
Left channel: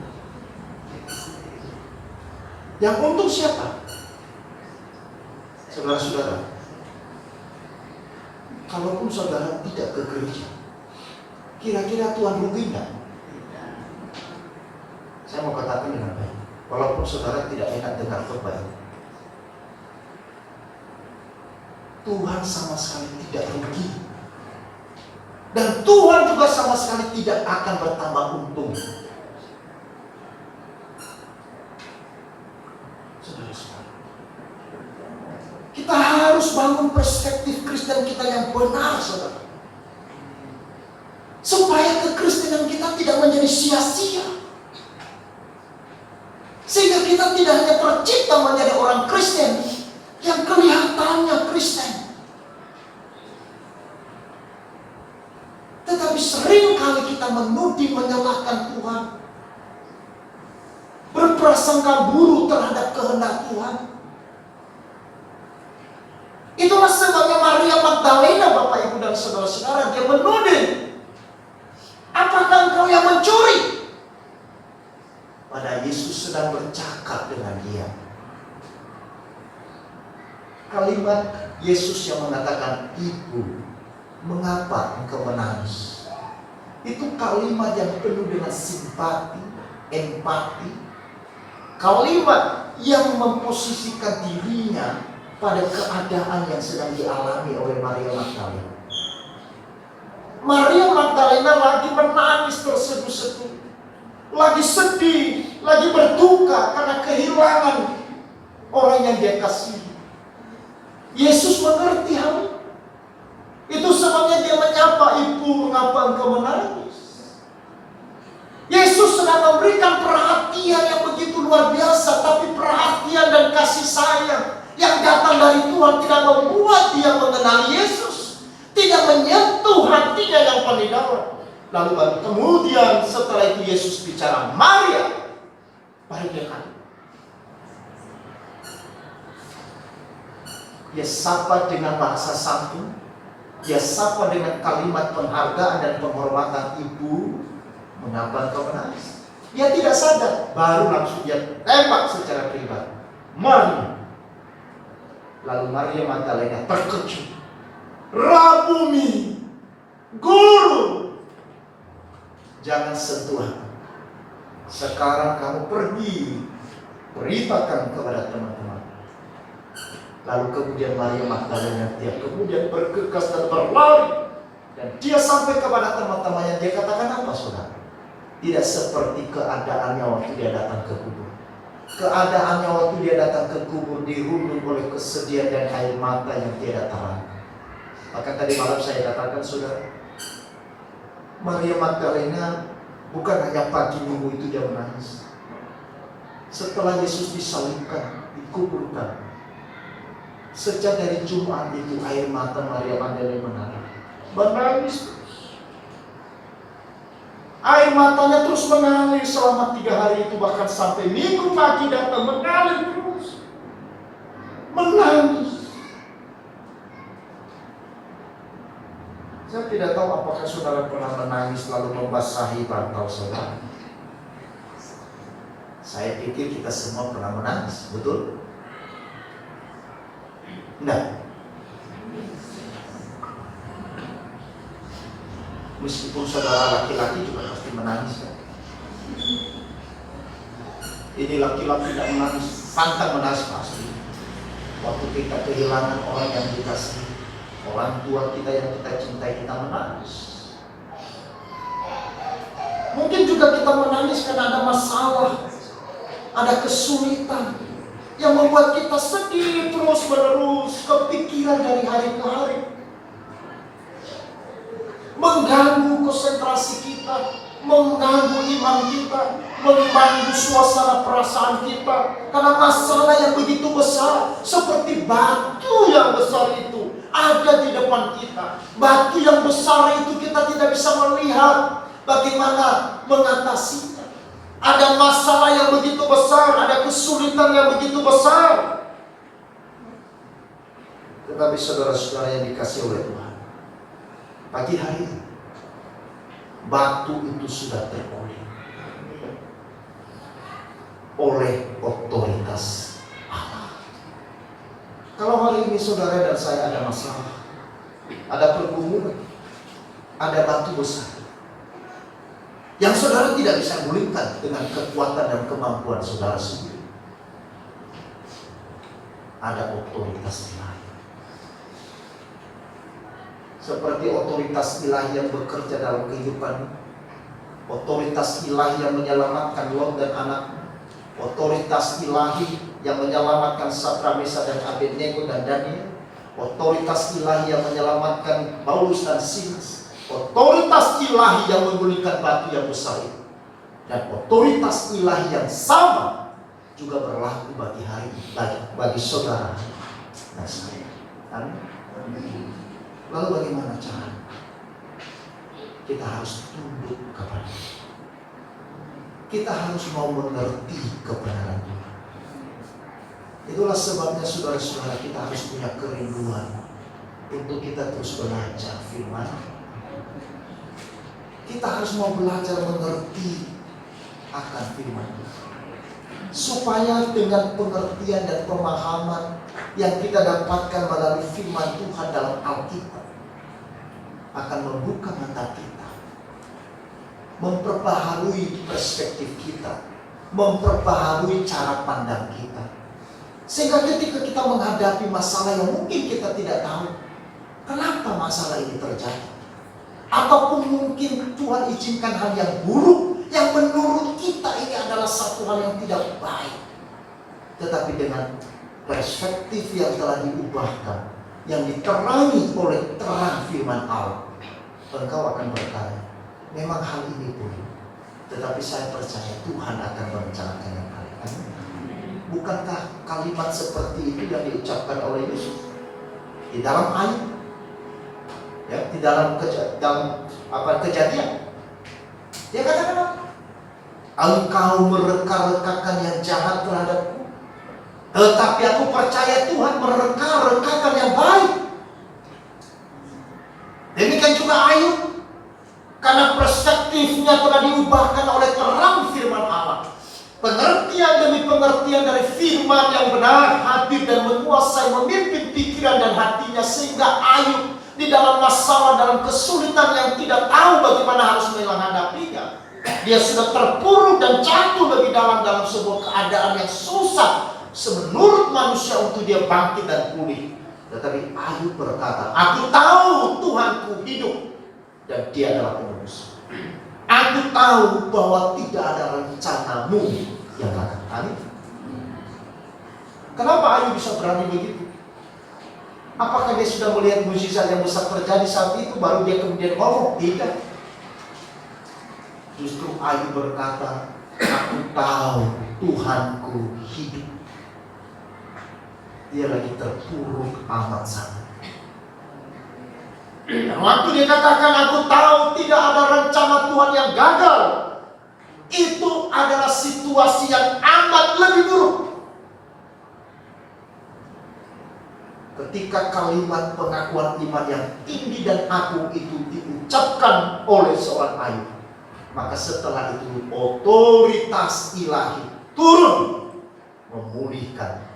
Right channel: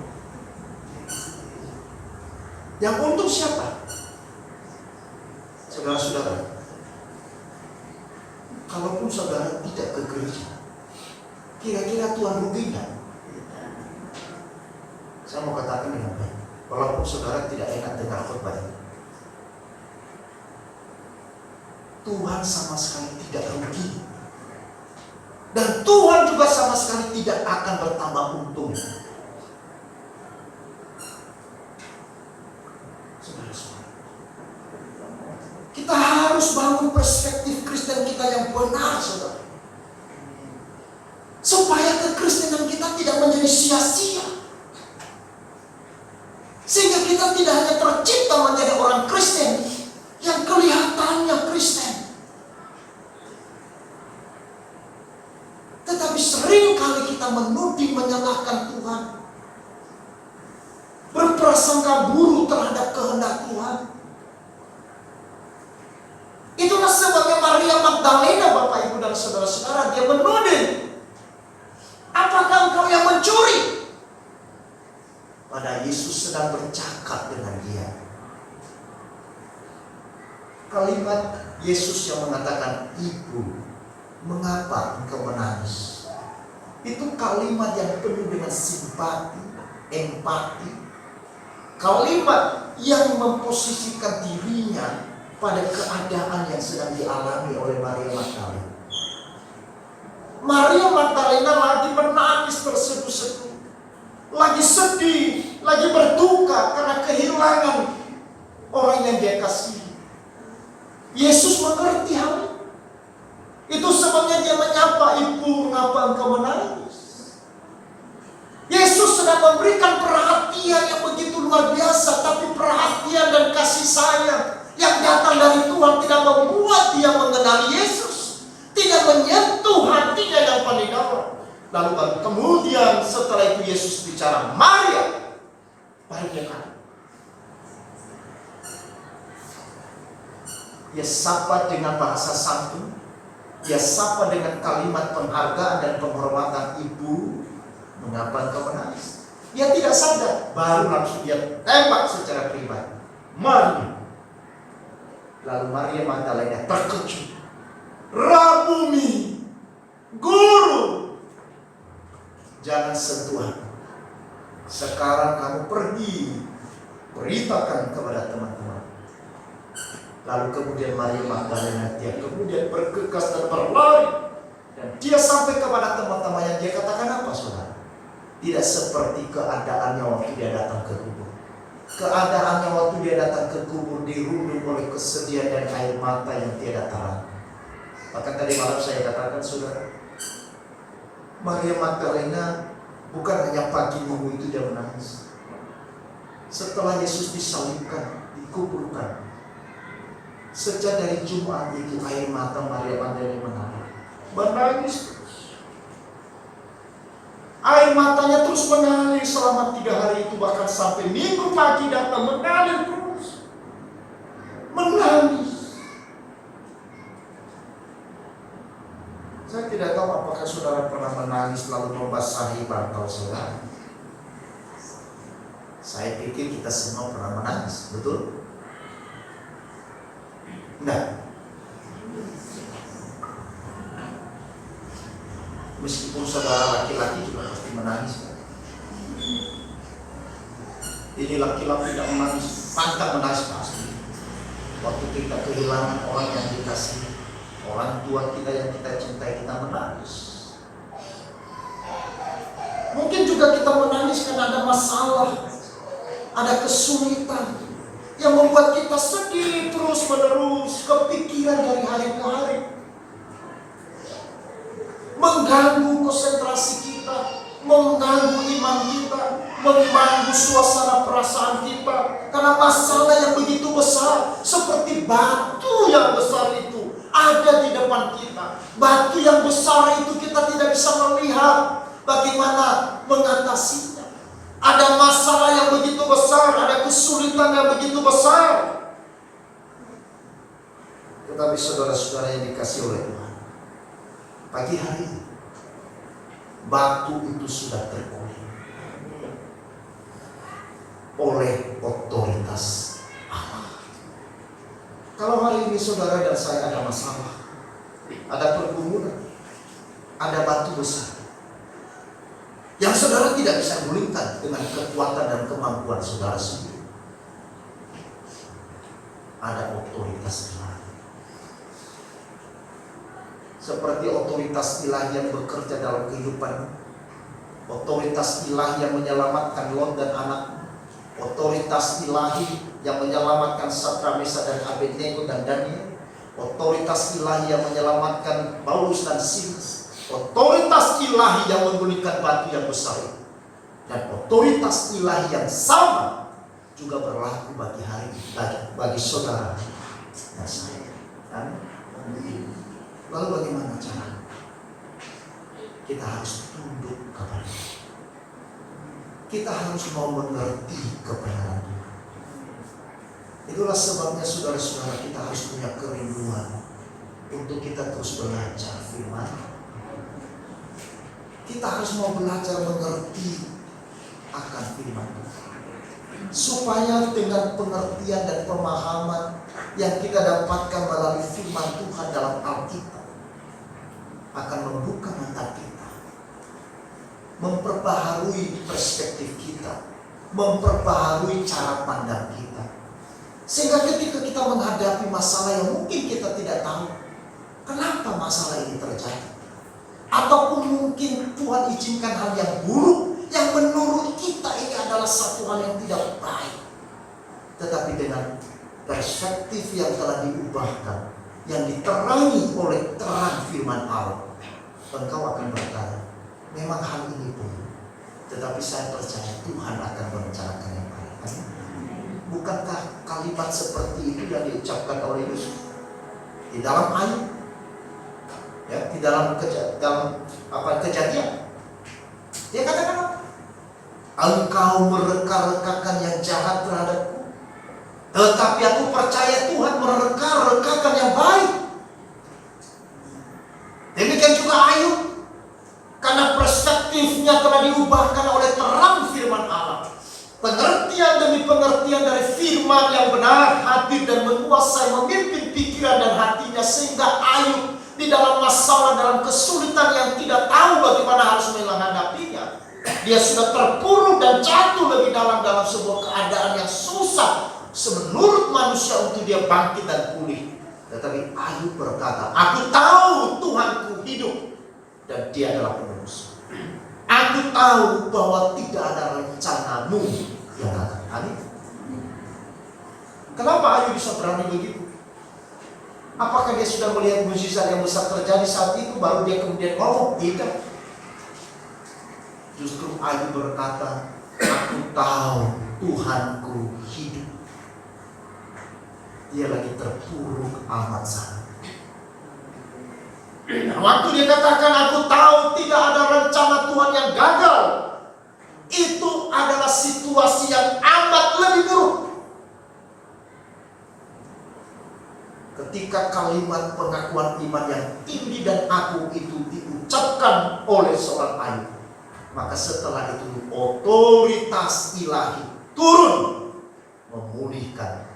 Yang untung siapa? Saudara-saudara, kalaupun saudara tidak ke gereja, kira-kira Tuhan rugi enggak? Saya mau katakan dengan baik, walaupun saudara tidak enak dengar khotbah ini, Tuhan sama sekali tidak rugi. Dan Tuhan juga sama sekali tidak akan bertambah untung. Saudara-saudara, kita harus bangun perspektif Kristen kita yang benar, saudara, supaya kekristenan kita tidak menjadi sia-sia, sehingga kita tidak hanya tercipta menjadi orang Kristen yang kelihatannya Kristen, tetapi sering kali kita menuding, menyalahkan Tuhan, berprasangka buruk terhadap kehendak Tuhan. Itulah sebabnya Maria Magdalena, Bapak Ibu dan saudara-saudara, dia menuding, apakah engkau yang mencuri? Pada Yesus sedang bercakap dengan dia. Kalimat Yesus yang mengatakan, "Ibu, mengapa engkau menangis?" Itu kalimat yang penuh dengan simpati, empati. Kalimat yang memposisikan dirinya pada keadaan yang sedang dialami oleh Maria Magdalena. Maria Magdalena lagi menangis terseduh-seduh, lagi sedih, lagi berduka karena kehilangan orang yang dia kasihi. Yesus mengerti hal itu. Itu sebabnya dia menyapa, "Ibu, mengapa engkau menangis?" Yesus sedang memberikan perhatian yang begitu luar biasa, tapi perhatian dan kasih sayang yang datang dari Tuhan tidak membuat dia mengenali Yesus, tidak menyentuh hatinya yang paling dalam. Lalu kemudian setelah itu Yesus bicara, "Maria," baru dia kaget. Dia sapa dengan bahasa santun, dia sapa dengan kalimat penghargaan dan penghormatan, "Ibu, mengapa engkau menangis?" Dia tidak sadar, baru langsung dia tembak secara pribadi, "Maria." Lalu Maria Magdalena terkejut, "Rabuni, Guru." Jangan sentuh aku. Sekarang kamu pergi, beritakan kepada teman-teman. Lalu kemudian Maria Magdalena dia kemudian bergegas dan berlari. Dan dia sampai kepada teman-temannya. Dia katakan apa, saudara? Tidak seperti keadaannya waktu dia datang ke kubur. Keadaannya waktu dia datang ke kubur dirundung oleh kesedihan dan air mata yang tiada tara. Maka tadi malam saya katakan, saudara, Maria Magdalena bukan hanya pagi minggu itu dia menangis. Setelah Yesus disalibkan, dikuburkan, sejak dari Jumat itu air mata Maria Magdalena menangis. Air matanya terus mengalir selama 3 hari itu, bahkan sampai minggu pagi datang mengalir terus. Menangis. Saya tidak tahu apakah saudara pernah menangis lalu membasahi bantal saudara. Saya pikir kita semua pernah menangis, betul? Nah, meskipun saudara laki-laki juga pasti menangis kan? Ini laki-laki tidak menangis, pantang menangis pasti. Waktu kita kehilangan orang yang dikasihi, orang tua kita yang kita cintai, kita menangis. Mungkin juga kita menangis karena ada masalah, ada kesulitan yang membuat kita sedih terus menerus, kepikiran dari hari ke hari, mengganggu konsentrasi kita, mengganggu iman kita, mengganggu suasana perasaan kita. Karena masalah yang begitu besar, seperti batu yang besar itu ada di depan kita. Batu yang besar itu kita tidak bisa melihat bagaimana mengatasinya. Ada masalah yang begitu besar, ada kesulitan yang begitu besar. Tetapi saudara-saudara yang dikasihi oleh Tuhan, pagi hari ini batu itu sudah terpulih oleh otoritas Allah. Kalau hari ini saudara dan saya ada masalah, ada pergumulan, ada batu besar yang saudara tidak bisa gulingkan dengan kekuatan dan kemampuan saudara sendiri, ada otoritas ilahi. Seperti otoritas ilahi yang bekerja dalam kehidupan, otoritas ilahi yang menyelamatkan Lot dan anaknya, otoritas ilahi yang menyelamatkan Sadrak, Mesak dan Abednego dan Daniel, otoritas ilahi yang menyelamatkan Paulus dan Silas, otoritas ilahi yang menggulingkan batu yang besar itu, dan otoritas ilahi yang sama juga berlaku bagi hari ini, bagi saudara dan saya. Amin. Lalu bagaimana caranya? Kita harus tunduk kepada Dia. Kita harus mau mengerti kebenaran Tuhan. Itulah sebabnya saudara-saudara, kita harus punya kerinduan untuk kita terus belajar firman. Kita harus mau belajar mengerti akan firman Tuhan, supaya dengan pengertian dan pemahaman yang kita dapatkan melalui firman Tuhan dalam Alkitab akan membuka mata kita, memperbaharui perspektif kita, memperbaharui cara pandang kita, sehingga ketika kita menghadapi masalah yang mungkin kita tidak tahu kenapa masalah ini terjadi, ataupun mungkin Tuhan izinkan hal yang buruk yang menurut kita ini adalah satu hal yang tidak baik, tetapi dengan perspektif yang telah diubahkan, yang diterangi oleh terang firman Allah, engkau akan berkata, memang hal ini buruk, tetapi saya percaya Tuhan akan merencanakan yang baik. Bukankah kalimat seperti itu yang diucapkan oleh Yesus di dalam ayat, ya, di dalam Kejadian? Dia katakan apa? Engkau mereka-rekakan yang jahat terhadapku, tetapi aku percaya Tuhan mereka-rekakan yang baik. Demikian juga Ayub, karena perspektifnya telah diubahkan oleh terang firman Allah, pengertian demi pengertian dari firman yang benar hadir dan menguasai, memimpin pikiran dan hatinya, sehingga Ayub di dalam masalah, dalam kesulitan yang tidak tahu bagaimana harus menghadapinya, Dia sudah terpuruk dan jatuh lebih dalam sebuah keadaan yang susah menurut manusia untuk dia bangkit dan pulih. Tetapi Ayub berkata, aku tahu Tuhanku hidup dan dia adalah penebus. Aku tahu bahwa tidak ada rencanamu yang akan kami. Kenapa Ayub bisa berani begitu? Apakah dia sudah melihat mujizat yang besar terjadi saat itu baru dia kemudian ngomong? Tidak. Justru Ayub berkata, aku tahu Tuhanku hidup. Dia lagi terpuruk amat sangat. Dan waktu dia katakan, aku tahu tidak ada rencana Tuhan yang gagal, itu adalah situasi yang amat lebih buruk. Ketika kalimat pengakuan iman yang tinggi dan agung itu diucapkan oleh seorang Ayub, maka setelah itu otoritas ilahi turun memulihkan.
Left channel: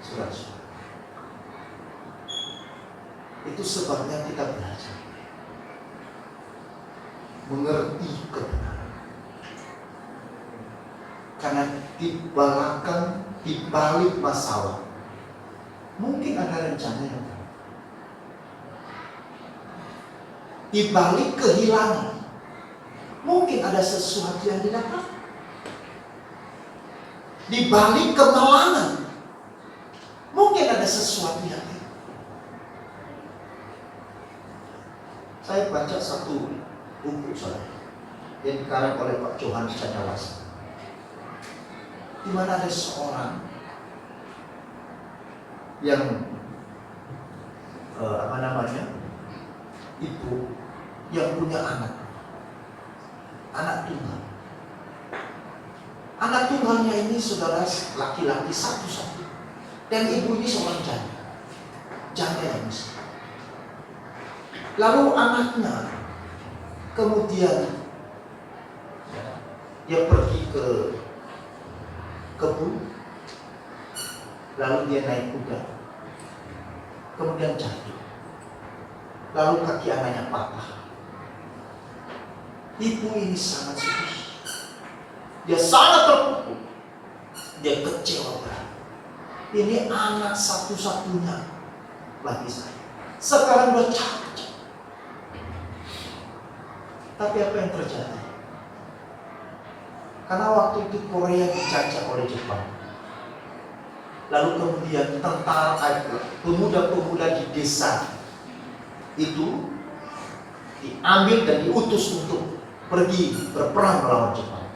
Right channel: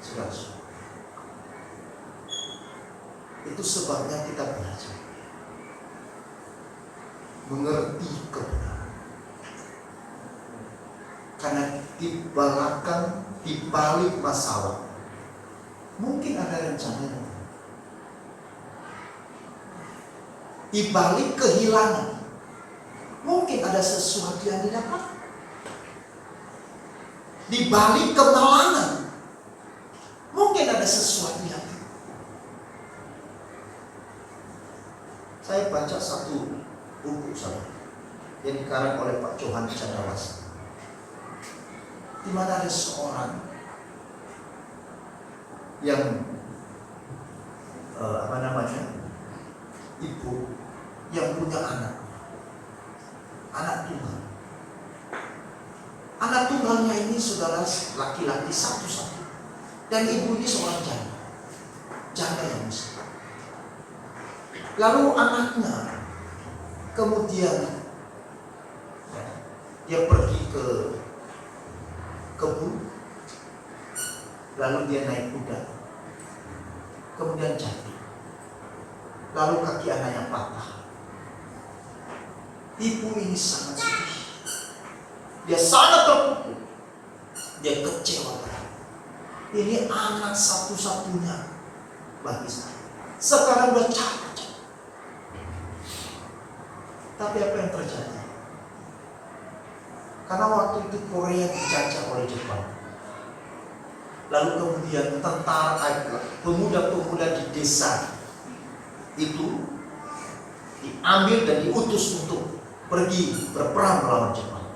Saudara, itu sebabnya kita belajar mengerti kebenaran. Karena di balik masalah mungkin ada rencana yang baik. Di balik kehilangan mungkin ada sesuatu yang didapat. Di balik kemalangan mungkin ada sesuatu yang tidak. Saya baca satu buku yang dikarang oleh Pak Johan Chandrawasana, di mana ada seorang yang ibu yang punya anak tunggal. Anak tunggalnya ini saudara laki-laki satu-satu, dan ibu ini seorang janda yang miskin. Lalu anaknya kemudian dia pergi ke kebun, lalu dia naik kuda, kemudian jatuh, lalu kaki anaknya patah. Ibu ini sangat sedih, dia sangat terpukul, dia kecewa berat. Ini anak satu-satunya bagi saya, sekarang udah capek. Tapi apa yang terjadi? Karena waktu itu Korea dijajah oleh Jepang. Lalu kemudian pemuda-pemuda di desa itu diambil dan diutus untuk pergi berperang melawan Jepang.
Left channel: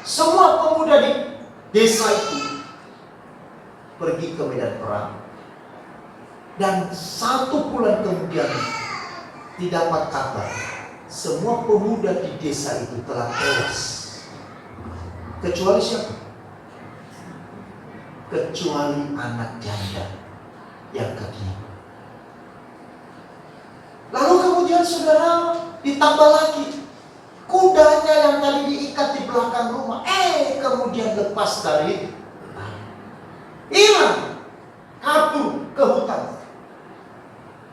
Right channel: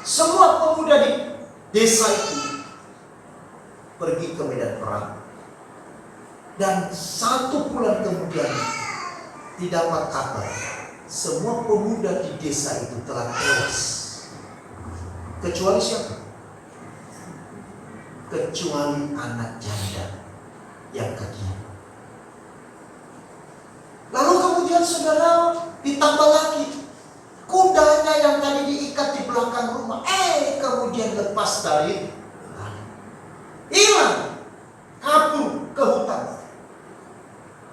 Semua pemuda di desa itu pergi ke medan perang. Dan 1 bulan kemudian didapat kabar semua pemuda di desa itu telah tewas. Kecuali siapa? Kecuali anak janda yang kecil. Lalu kemudian saudara ditambah lagi, kudanya yang tadi diikat di belakang rumah, kemudian lepas dari hilang, kabur ke hutan.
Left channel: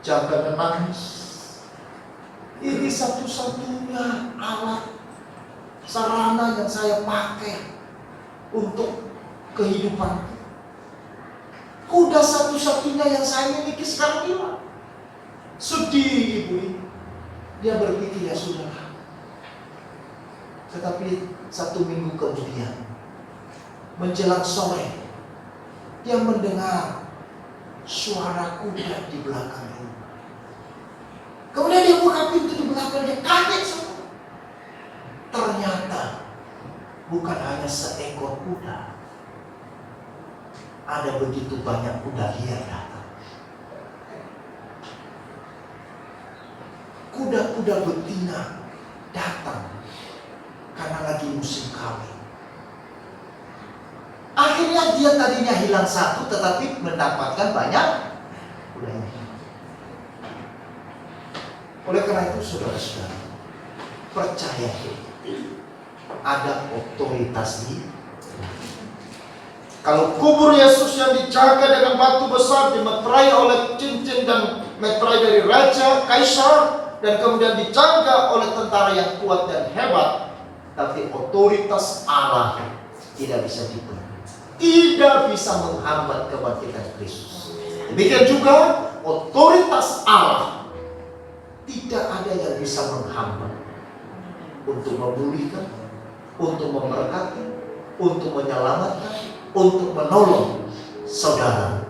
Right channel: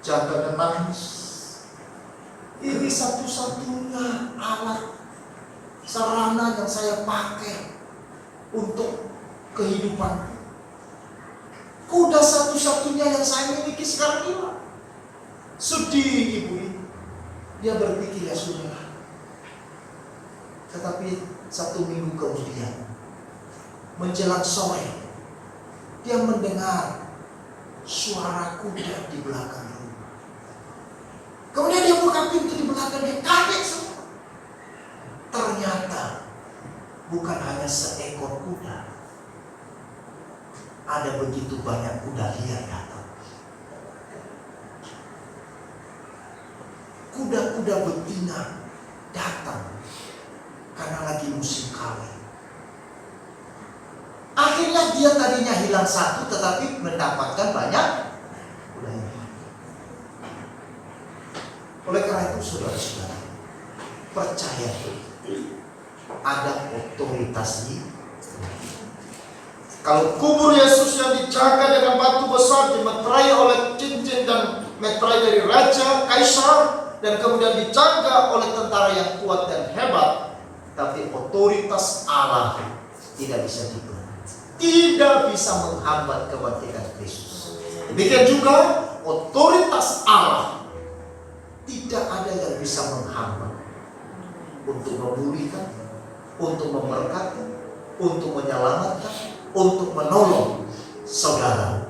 Jaga menangis. Ini satu-satunya alat sarana yang saya pakai untuk kehidupan. Kuda satu-satunya yang saya miliki sekarang hilang. Sedih ibu ini. Dia berpikir, ya sudahlah. Tetapi 1 minggu kemudian, menjelang sore, dia mendengar suara kuda di belakang rumah. Kemudian dia buka pintu di belakang, dia kaget semua. Ternyata bukan hanya seekor kuda, ada begitu banyak kuda liar datang. Kuda-kuda betina datang karena lagi musim kawin. Akhirnya dia tadinya hilang 1, tetapi mendapatkan banyak kudanya. Oleh karena itu saudara-saudara, percaya ada otoritas di. Kalau kubur Yesus yang dijaga dengan batu besar, dimeterai oleh cincin dan meterai dari raja, kaisar, dan kemudian dijaga oleh tentara yang kuat dan hebat, tapi otoritas Allah tidak bisa ditolak, tidak bisa menghambat kebangkitan Kristus. Demikian juga otoritas Allah tidak ada yang bisa menghambat untuk memulihkan, untuk memberkati, untuk menyelamatkan, untuk menolong saudara